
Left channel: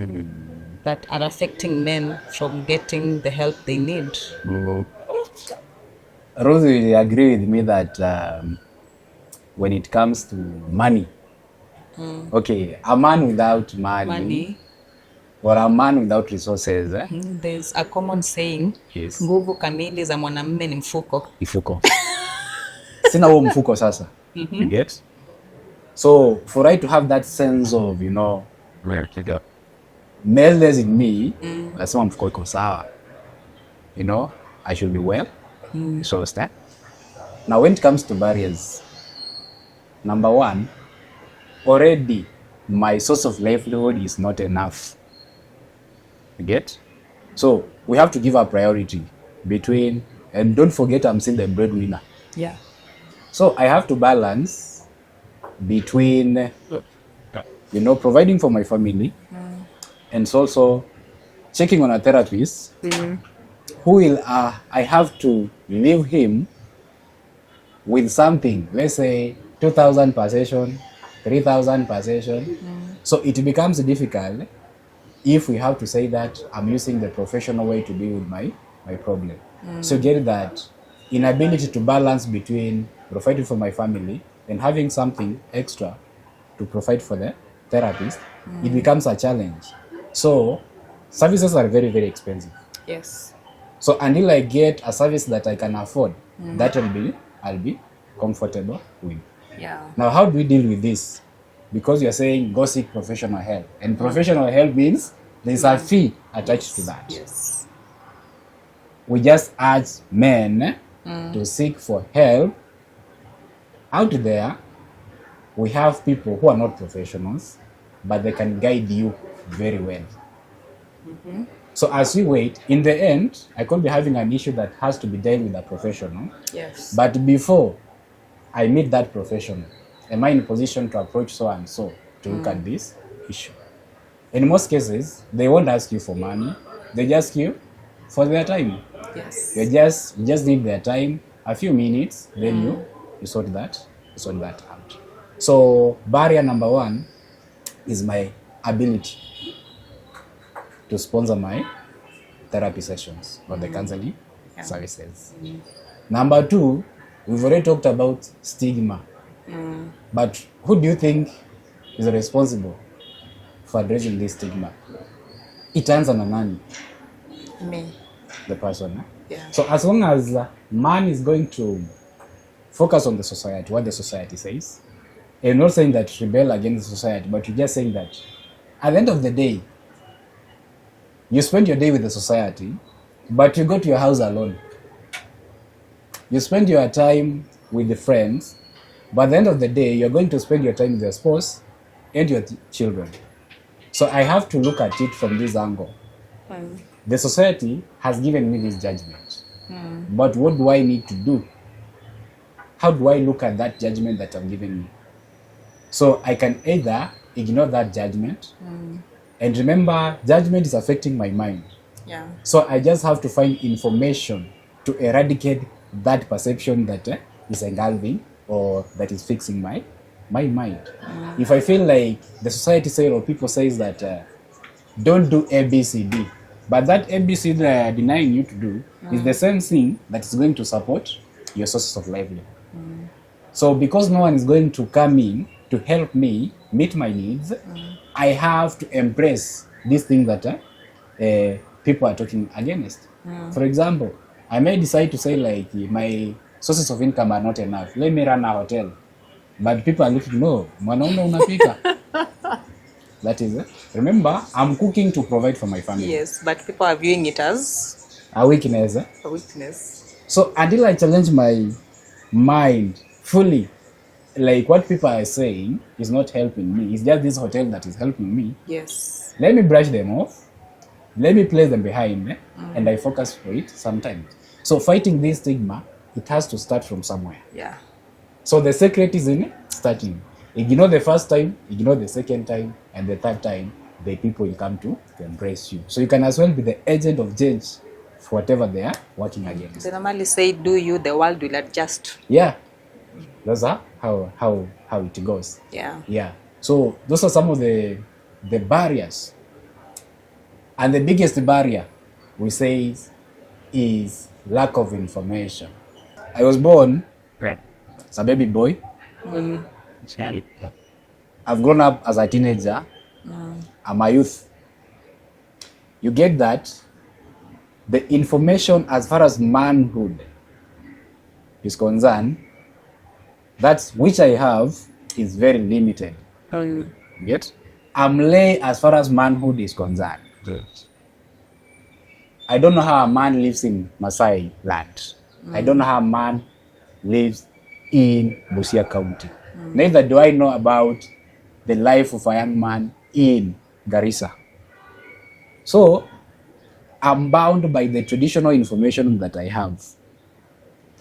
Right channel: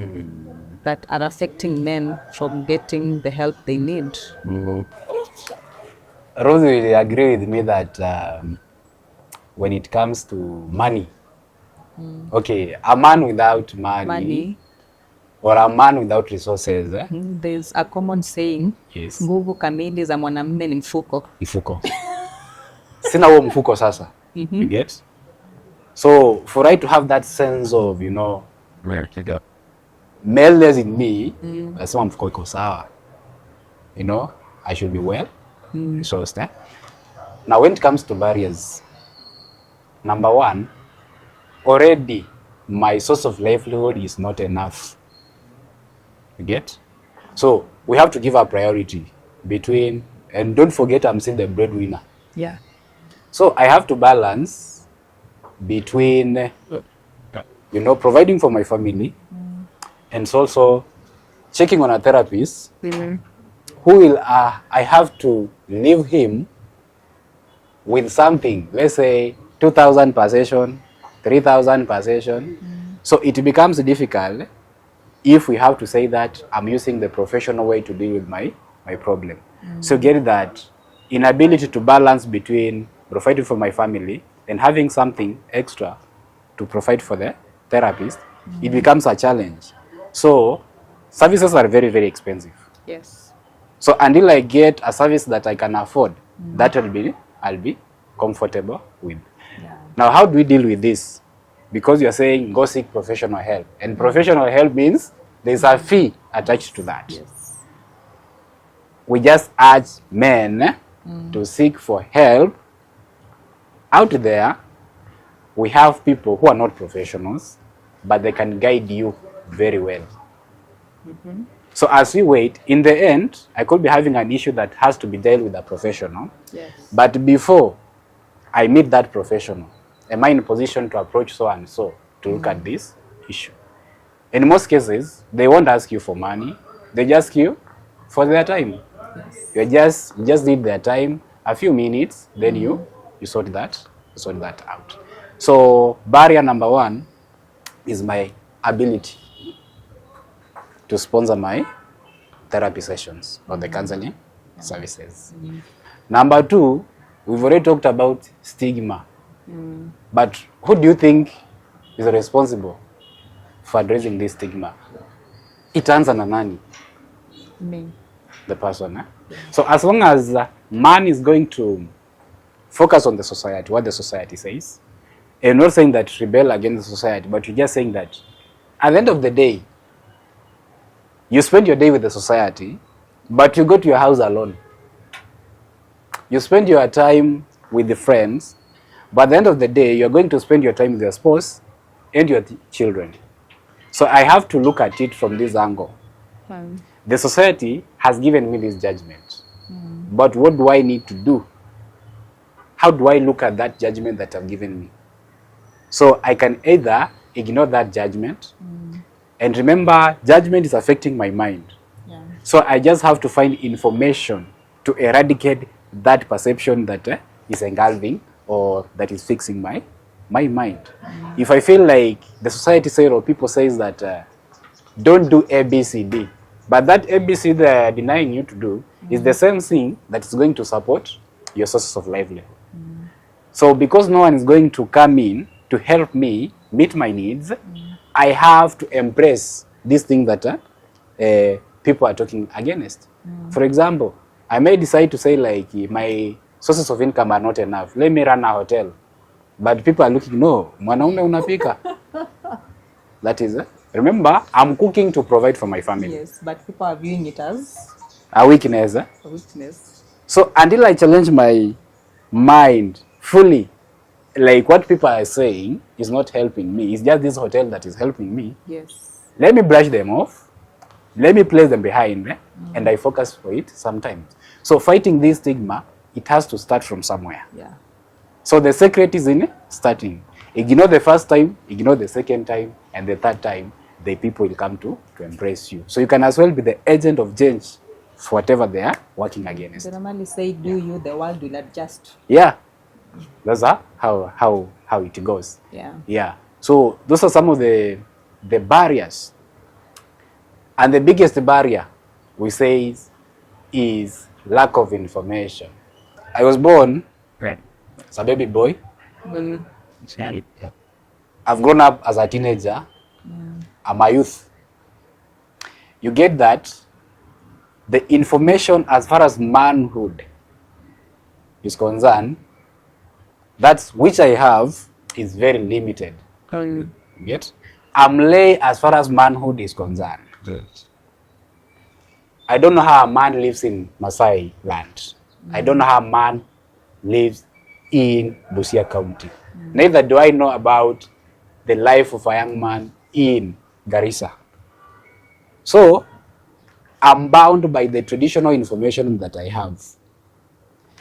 that are affecting men from getting the help they need. Rose will agree with me that when it comes to money, okay, a man without money or a man without resources, there's a common saying, nguvu kamili za mwanamume ni mfuko. Sina huo mfuko sasa. You get? So for I to have that sense of, maleness in me, nasema mfuko iko sawa. I should be well. So step. Now when it comes to barriers, number one, already my source of livelihood is not enough. You get? So we have to give a priority between, and don't forget I'm still the breadwinner. Yeah. So I have to balance between, providing for my family and also checking on a therapist who will, I have to leave him with something, let's say 2,000 per session, 3,000 per session. So it becomes difficult if we have to say that I'm using the professional way to deal with my problem. So get that inability to balance between providing for my family and having something extra to provide for the therapist, it becomes a challenge. So services are very, very expensive. Yes. So until I get a service that I can afford, that I'll be comfortable with. Yeah. Now, how do we deal with this? Because you're saying go seek professional help, and professional help means there's a fee attached to that. Yes. We just urge men to seek for help. Out there, we have people who are not professionals, but they can guide you very well. So as you wait, in the end, I could be having an issue that has to be dealt with a professional. Yes. But before I meet that professional, am I in a position to approach so and so to look at this issue? In most cases, they won't ask you for money. They just ask you for their time. Yes. You just need their time, a few minutes, then you sort that out. So barrier number one is my ability to sponsor my therapy sessions or the counseling services. Number two, we've already talked about stigma. But who do you think is responsible for addressing this stigma? Itaanza na nani? Me. The person. Yeah. So as long as man is going to focus on the society, what the society says, and not saying that rebel against the society, but you're just saying that at the end of the day, you spend your day with the society, but you go to your house alone. You spend your time with the friends, but at the end of the day, you're going to spend your time with your spouse and your children. So I have to look at it from this angle. The society has given me this judgment, but what do I need to do? How do I look at that judgment that I've given me? So I can either ignore that judgment, and remember, judgment is affecting my mind. Yeah. So I just have to find information to eradicate that perception that is engulfing or that is fixing my mind. If I feel like the society says or people says that don't do ABCD, but that ABCD they are denying you to do is the same thing that is going to support your sources of livelihood. So because no one is going to come in to help me meet my needs, I have to embrace this thing that people are talking against. For example, I may decide to say like my sources of income are not enough. Let me run a hotel. But people are looking, no, mwanaume unapika. That is it. Remember, I'm cooking to provide for my family. Yes, but people are viewing it as A weakness. a weakness. So until I challenge my mind fully, like what people are saying is not helping me. It's just this hotel that is helping me. Yes. Let me brush them off. Let me place them behind and I focus for it sometimes. So fighting this stigma, it has to start from somewhere. Yeah. So the secret is in starting. Ignore the first time, ignore the second time, and the third time, the people will come to embrace you. So you can as well be the agent of change for whatever they are working against. They normally say, do you, the world will adjust. Yeah. That's how it goes. Yeah. Yeah. So those are some of the barriers. And the biggest barrier we say is lack of information. I was born as a baby boy. I've grown up as a teenager. I'm a youth. You get that the information as far as manhood is concerned, that's which I have is very limited. Get? I'm lay as far as manhood is concerned. I don't know how a man lives in Masai land. I don't know how a man lives in Busia County. Neither do I know about the life of a young man in Garissa. So I'm bound by the traditional information that I have.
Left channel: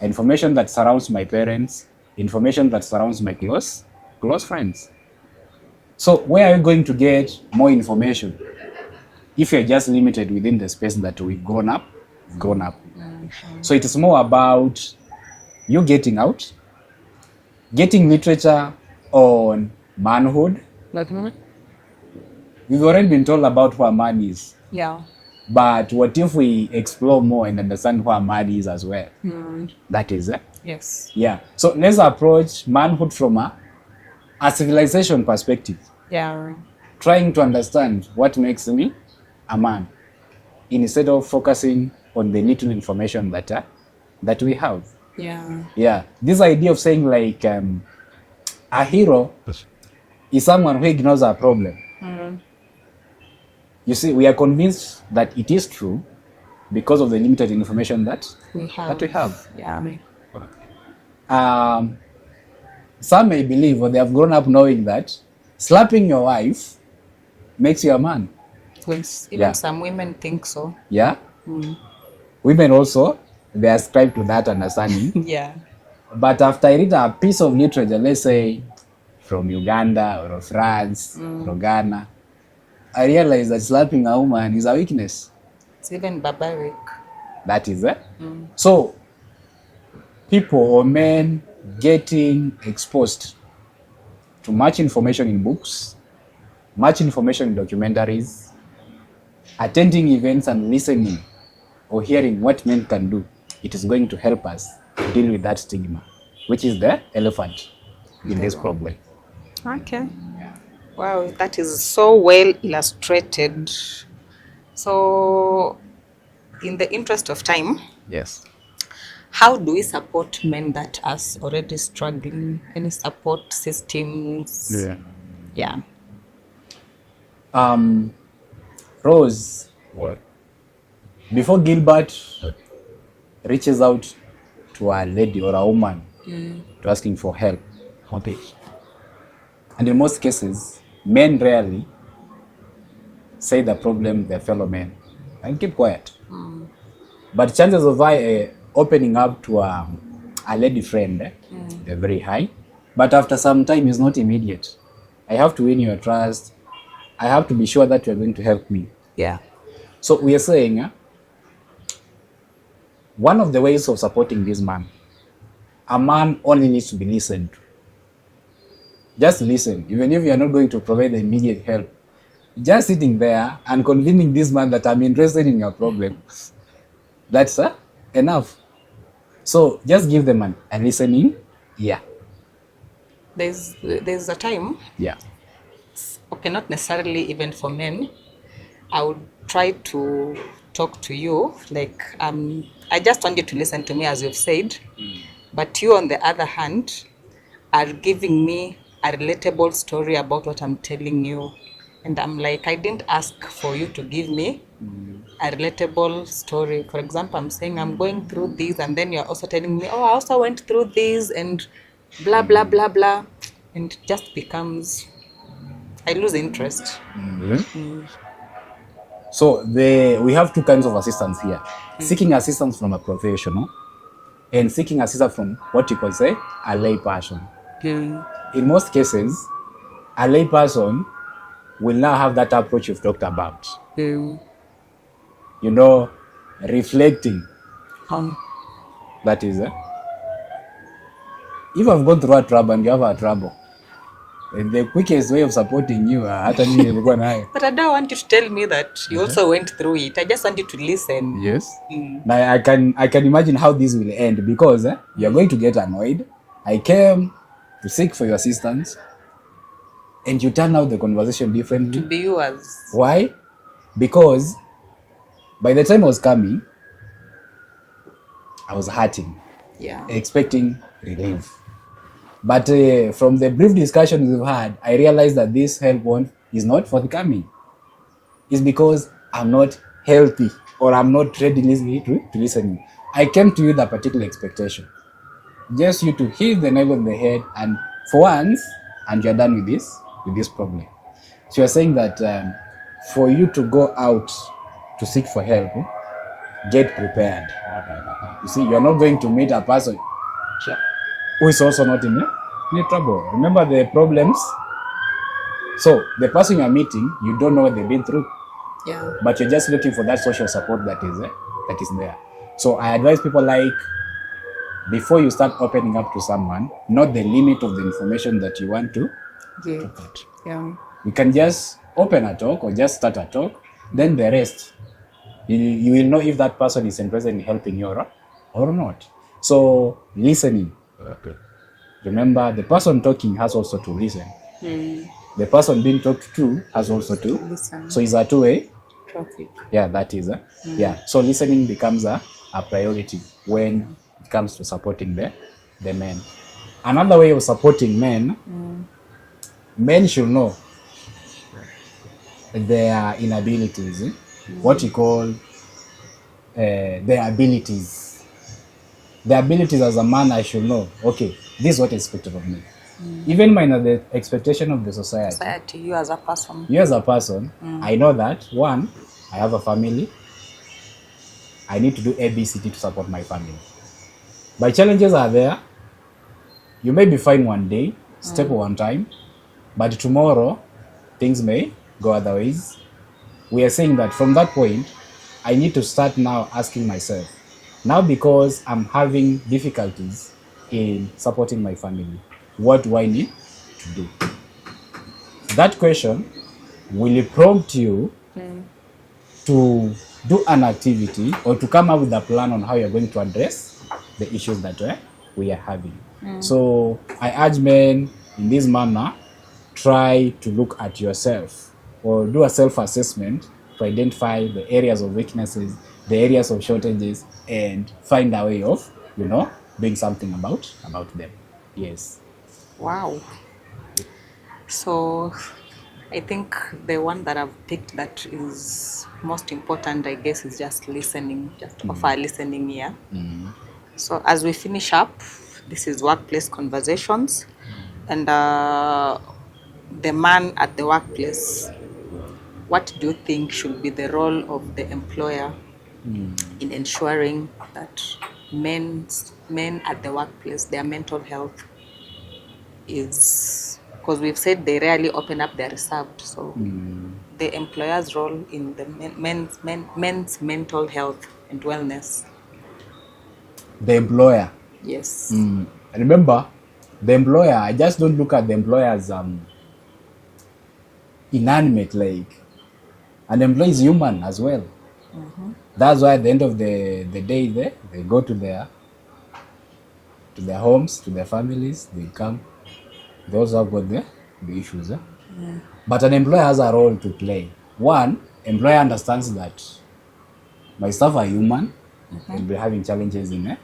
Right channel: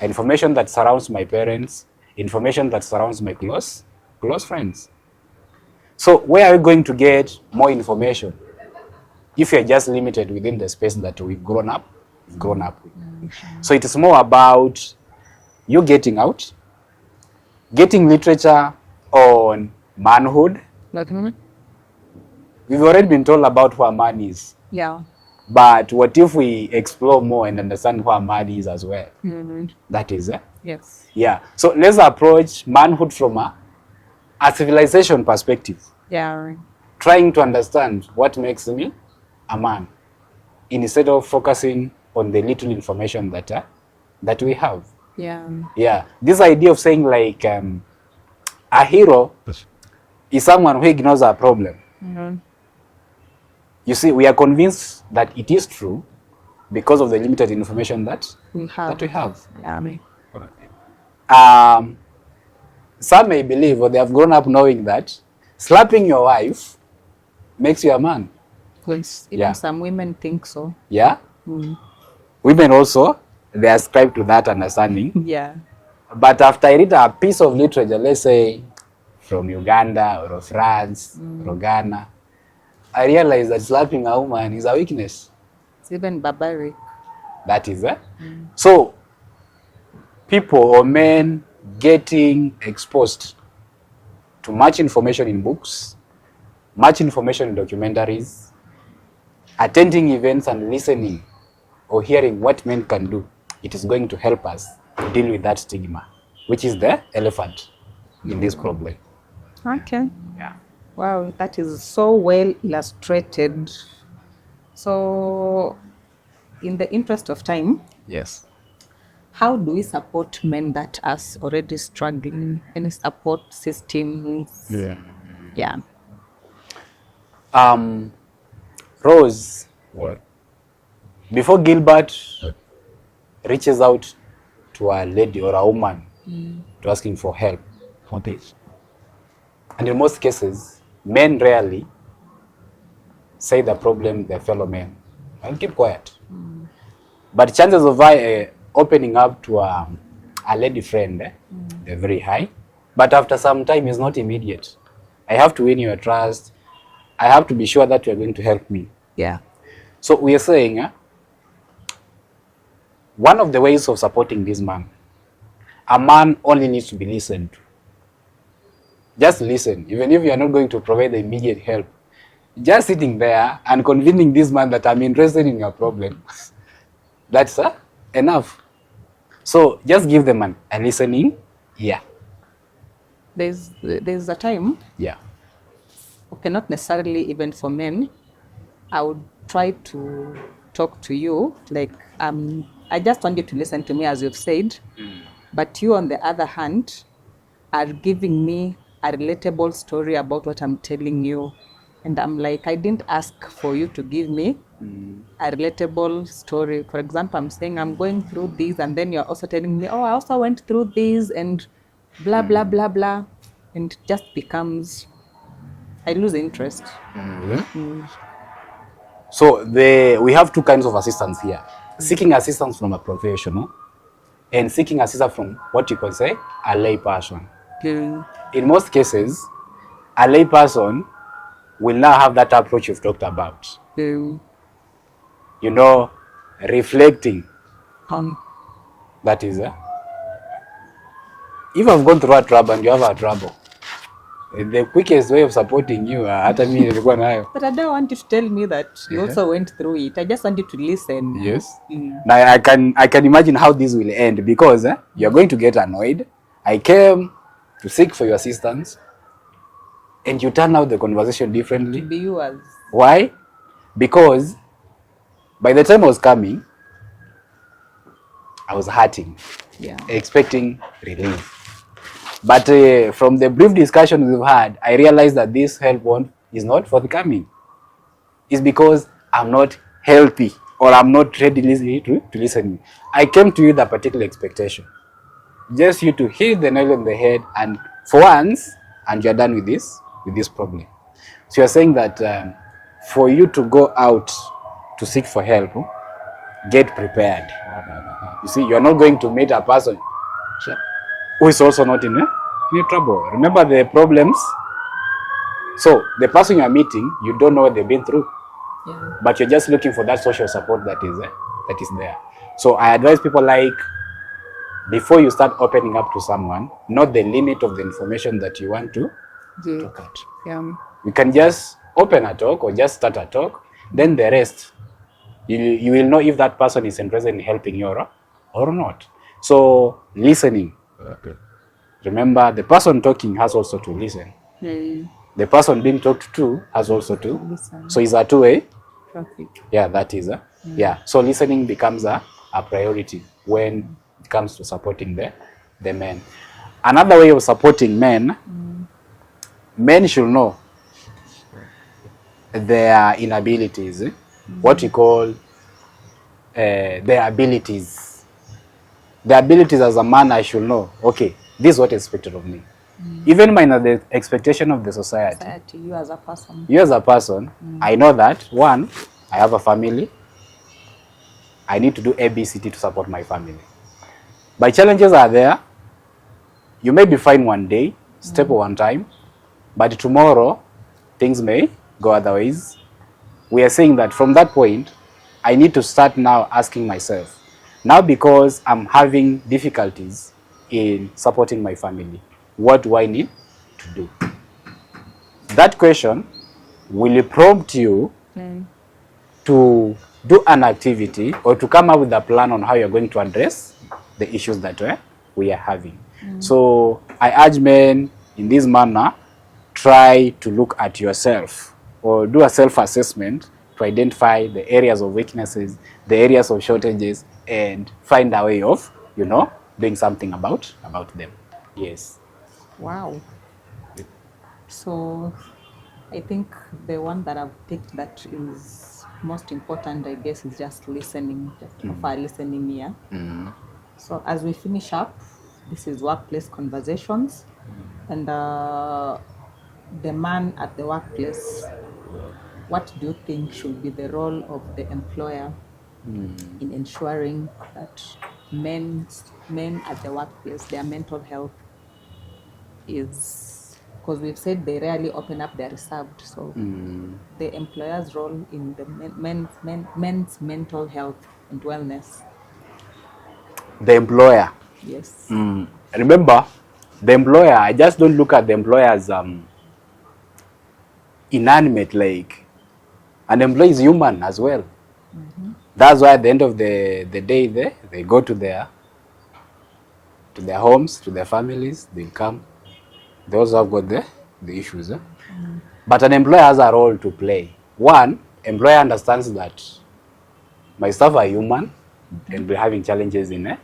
Information that surrounds my parents, information that surrounds my close friends. So where are we going to get more information if you're just limited within the space that we've grown up with? So it is more about you getting out, getting literature on manhood. We've already been told about who a man is. Yeah. But what if we explore more and understand who a man is as well? That is it. Yes. Yeah. So let's approach manhood from a civilization perspective. Yeah. Trying to understand what makes me a man instead of focusing on the little information that we have. Yeah. Yeah. This idea of saying like a hero is someone who ignores a problem. You see, we are convinced that it is true because of the limited information that we have. Yeah. Some may believe, or they have grown up knowing, that slapping your wife makes you a man. Even some women think so. Yeah. Women also, they ascribe to that understanding. Yeah. But after I read a piece of literature, let's say from Uganda or France or Ghana, I realized that slapping a woman is a weakness. It's even barbaric. That is it. So, people or men getting exposed to much information in books, much information in documentaries, attending events and listening or hearing what men can do, it is going to help us deal with that stigma, which is the elephant in this problem. Okay. Yeah. Wow, that is so well illustrated. So, in the interest of time, Yes. how do we support men that are already struggling? Any support systems? Yeah. Rose, What? before Gilbert reaches out to a lady or a woman to asking for help, What is? and in most cases, men rarely say the problem their fellow men and keep quiet. But chances of opening up to a lady friend, they're very high. But after some time, it's not immediate. I have to win your trust. I have to be sure that you're going to help me. Yeah. So we are saying one of the ways of supporting this man, a man only needs to be listened to. Just listen, even if you are not going to provide the immediate help. Just sitting there and convincing this man that I'm interested in your problem, that's enough. So just give them a listening ear. There's a time, Yeah. okay, not necessarily even for men, I would try to talk to you like I just want you to listen to me as you've said, but you on the other hand are giving me a relatable story about what I'm telling you, and I'm like, I didn't ask for you to give me a relatable story. For example, I'm saying I'm going through this, and then you're also telling me, oh, I also went through this, and blah blah blah blah, and it just becomes, I lose interest. So we have two kinds of assistance here. Seeking assistance from a professional and seeking assistance from what you could say a lay person. In most cases, a lay person will now have that approach you've talked about. You know, reflecting. That is if I've gone through a trouble and you have a trouble, the quickest way of supporting you, But I don't want you to tell me that you also went through it. I just want you to listen. Yes. Now I can imagine how this will end, because you're going to get annoyed. I came to seek for your assistance, and you turn out the conversation differently. To be yours. Why? Because by the time I was coming, I was hurting, expecting relief. But from the brief discussions we've had, I realized that this help is not forthcoming. It's because I'm not healthy, or I'm not ready to listen. I came to you with a particular expectation. Just you to hit the nail on the head, and for once, and you're done with this problem. So you're saying that for you to go out to seek for help, get prepared. You see, you're not going to meet a person who is also not in trouble. Remember the problems. So the person you're meeting, you don't know what they've been through. Yeah. But you're just looking for that social support that is there. So I advise people like before you start opening up to someone, know the limit of the information that you want to Yeah. cut. Yeah. We can just open a talk or just start a talk, then the rest, you will know if that person is interested in helping you or not. So listening. Okay. Remember, the person talking has also to listen. The person being talked to has also to listen. So it's a two-way Traffic. Yeah, that is yeah. So listening becomes a priority when it comes to supporting the men. Another way of supporting men, men should know their inabilities, what we call their abilities. The abilities as a man, I should know, okay, this is what is expected of me. Even minus the expectation of the society. You as a person. You as a person, I know that, one, I have a family. I need to do ABCD to support my family. But challenges are there. You may be fine one day, step one time, but tomorrow things may go otherwise. We are saying that from that point, I need to start now asking myself, now because I'm having difficulties in supporting my family, what do I need to do? That question will prompt you to do an activity or to come up with a plan on how you're going to address the issues that we are having. So I urge men in this manner, try to look at yourself or do a self-assessment to identify the areas of weaknesses, the areas of shortages, and find a way of, doing something about them. Yes. Wow. So I think the one that I've picked that is most important, I guess, is just listening, just offer listening ear. So as we finish up, this is workplace conversations, and the man at the workplace, what do you think should be the role of the employer in ensuring that men at the workplace, their mental health is, because we've said they rarely open up, they're reserved. So the employer's role in the men's mental health and wellness. The employer. Yes. Remember, the employer, I just don't look at the employer as inanimate. Like, an employee is human as well. That's why at the end of the day, they go to their homes, to their families, they come. They also have got the issues. But an employer has a role to play. One, employer understands that my staff are human and be having challenges in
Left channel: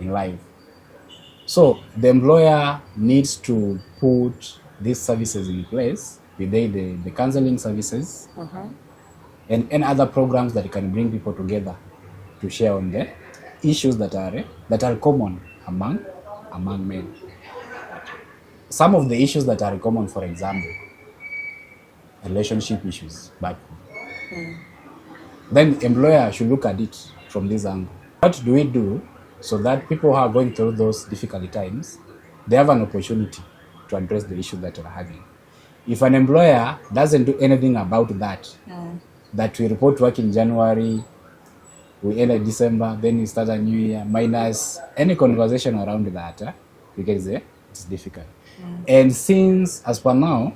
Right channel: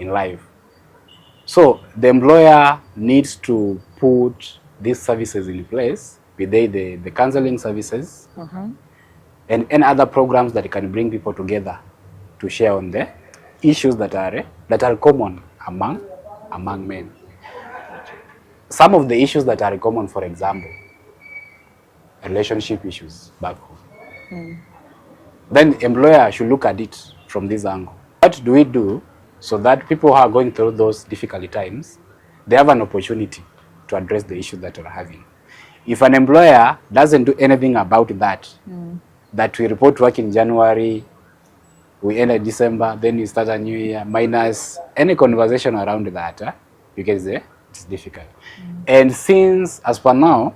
life. So the employer needs to put these services in place, be they the counseling services and any other programs that can bring people together to share on the issues that are common among men. Some of the issues that are common, for example, relationship issues back home. Then employer should look at it from this angle. What do we do so that people who are going through those difficult times, they have an opportunity to address the issues that we're having? If an employer doesn't do anything about that, that we report work in January, we end at December, then we start a new year, minus any conversation around that, you can say it's difficult. And since, as per now,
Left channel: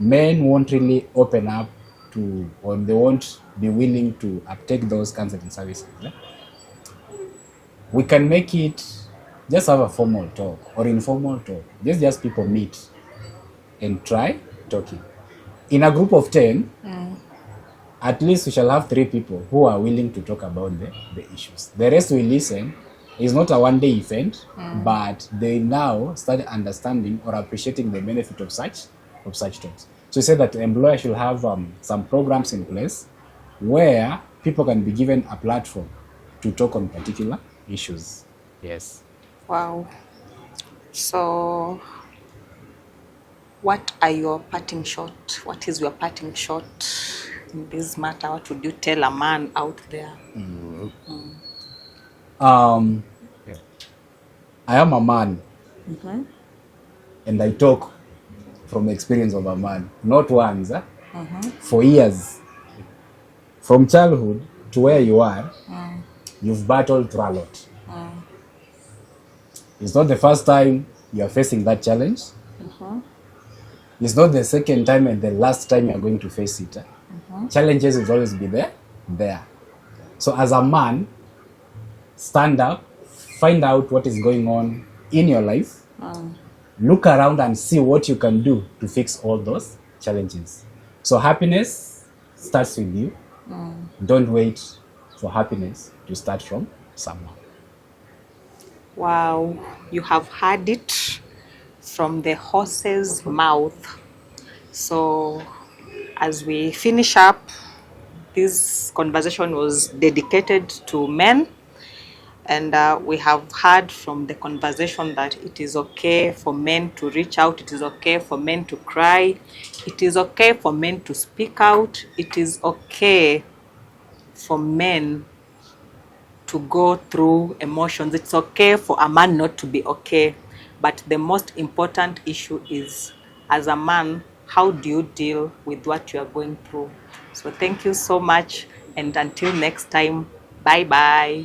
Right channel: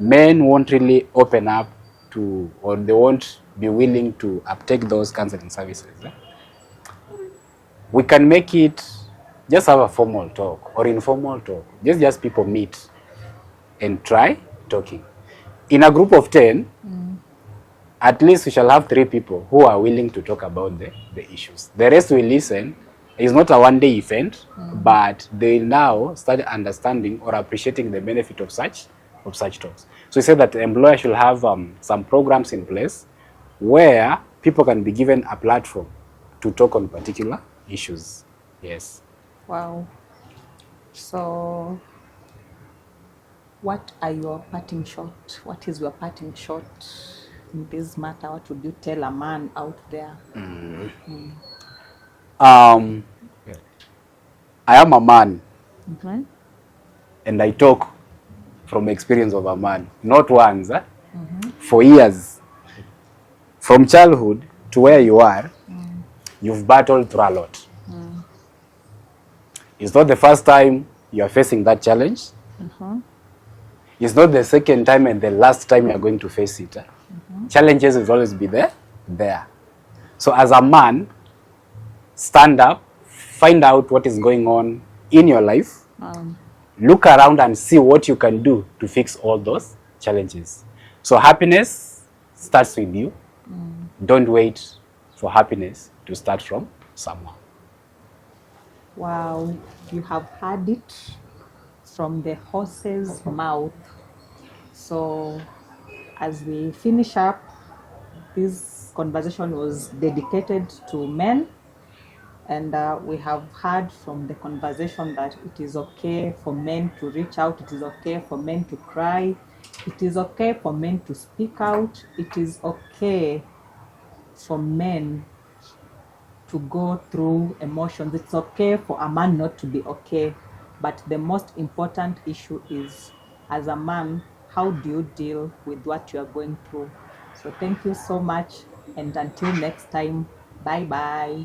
men won't really open up to, or they won't be willing to uptake those counseling services, we can make it just have a formal talk or informal talk. Just people meet and try talking. In a group of 10, at least we shall have 3 people who are willing to talk about the issues. The rest will listen. It's not a one-day event, but they now start understanding or appreciating the benefit of such talks. So we say that the employer should have some programs in place where people can be given a platform to talk on particular issues. Yes. Wow. So what are your parting shot? What is your parting shot in this matter? What would you tell a man out there? I am a man, and I talk from experience of a man, not once, for years. From childhood to where you are, you've battled through a lot. It's not the first time you are facing that challenge. It's not the second time and the last time you are going to face it. Challenges will always be there. So as a man, stand up, find out what is going on in your life, look around and see what you can do to fix all those challenges. So happiness starts with you. Don't wait for happiness to start from someone. Wow, you have heard it from the horse's mouth. So, as we finish up, this conversation was dedicated to men, and we have heard from the conversation that it is okay for men to reach out, it is okay for men to cry, it is okay for men to speak out, it is okay for men to go through emotions. It's okay for a man not to be okay. But the most important issue is, as a man, how do you deal with what you are going through? So thank you so much. And until next time, bye bye.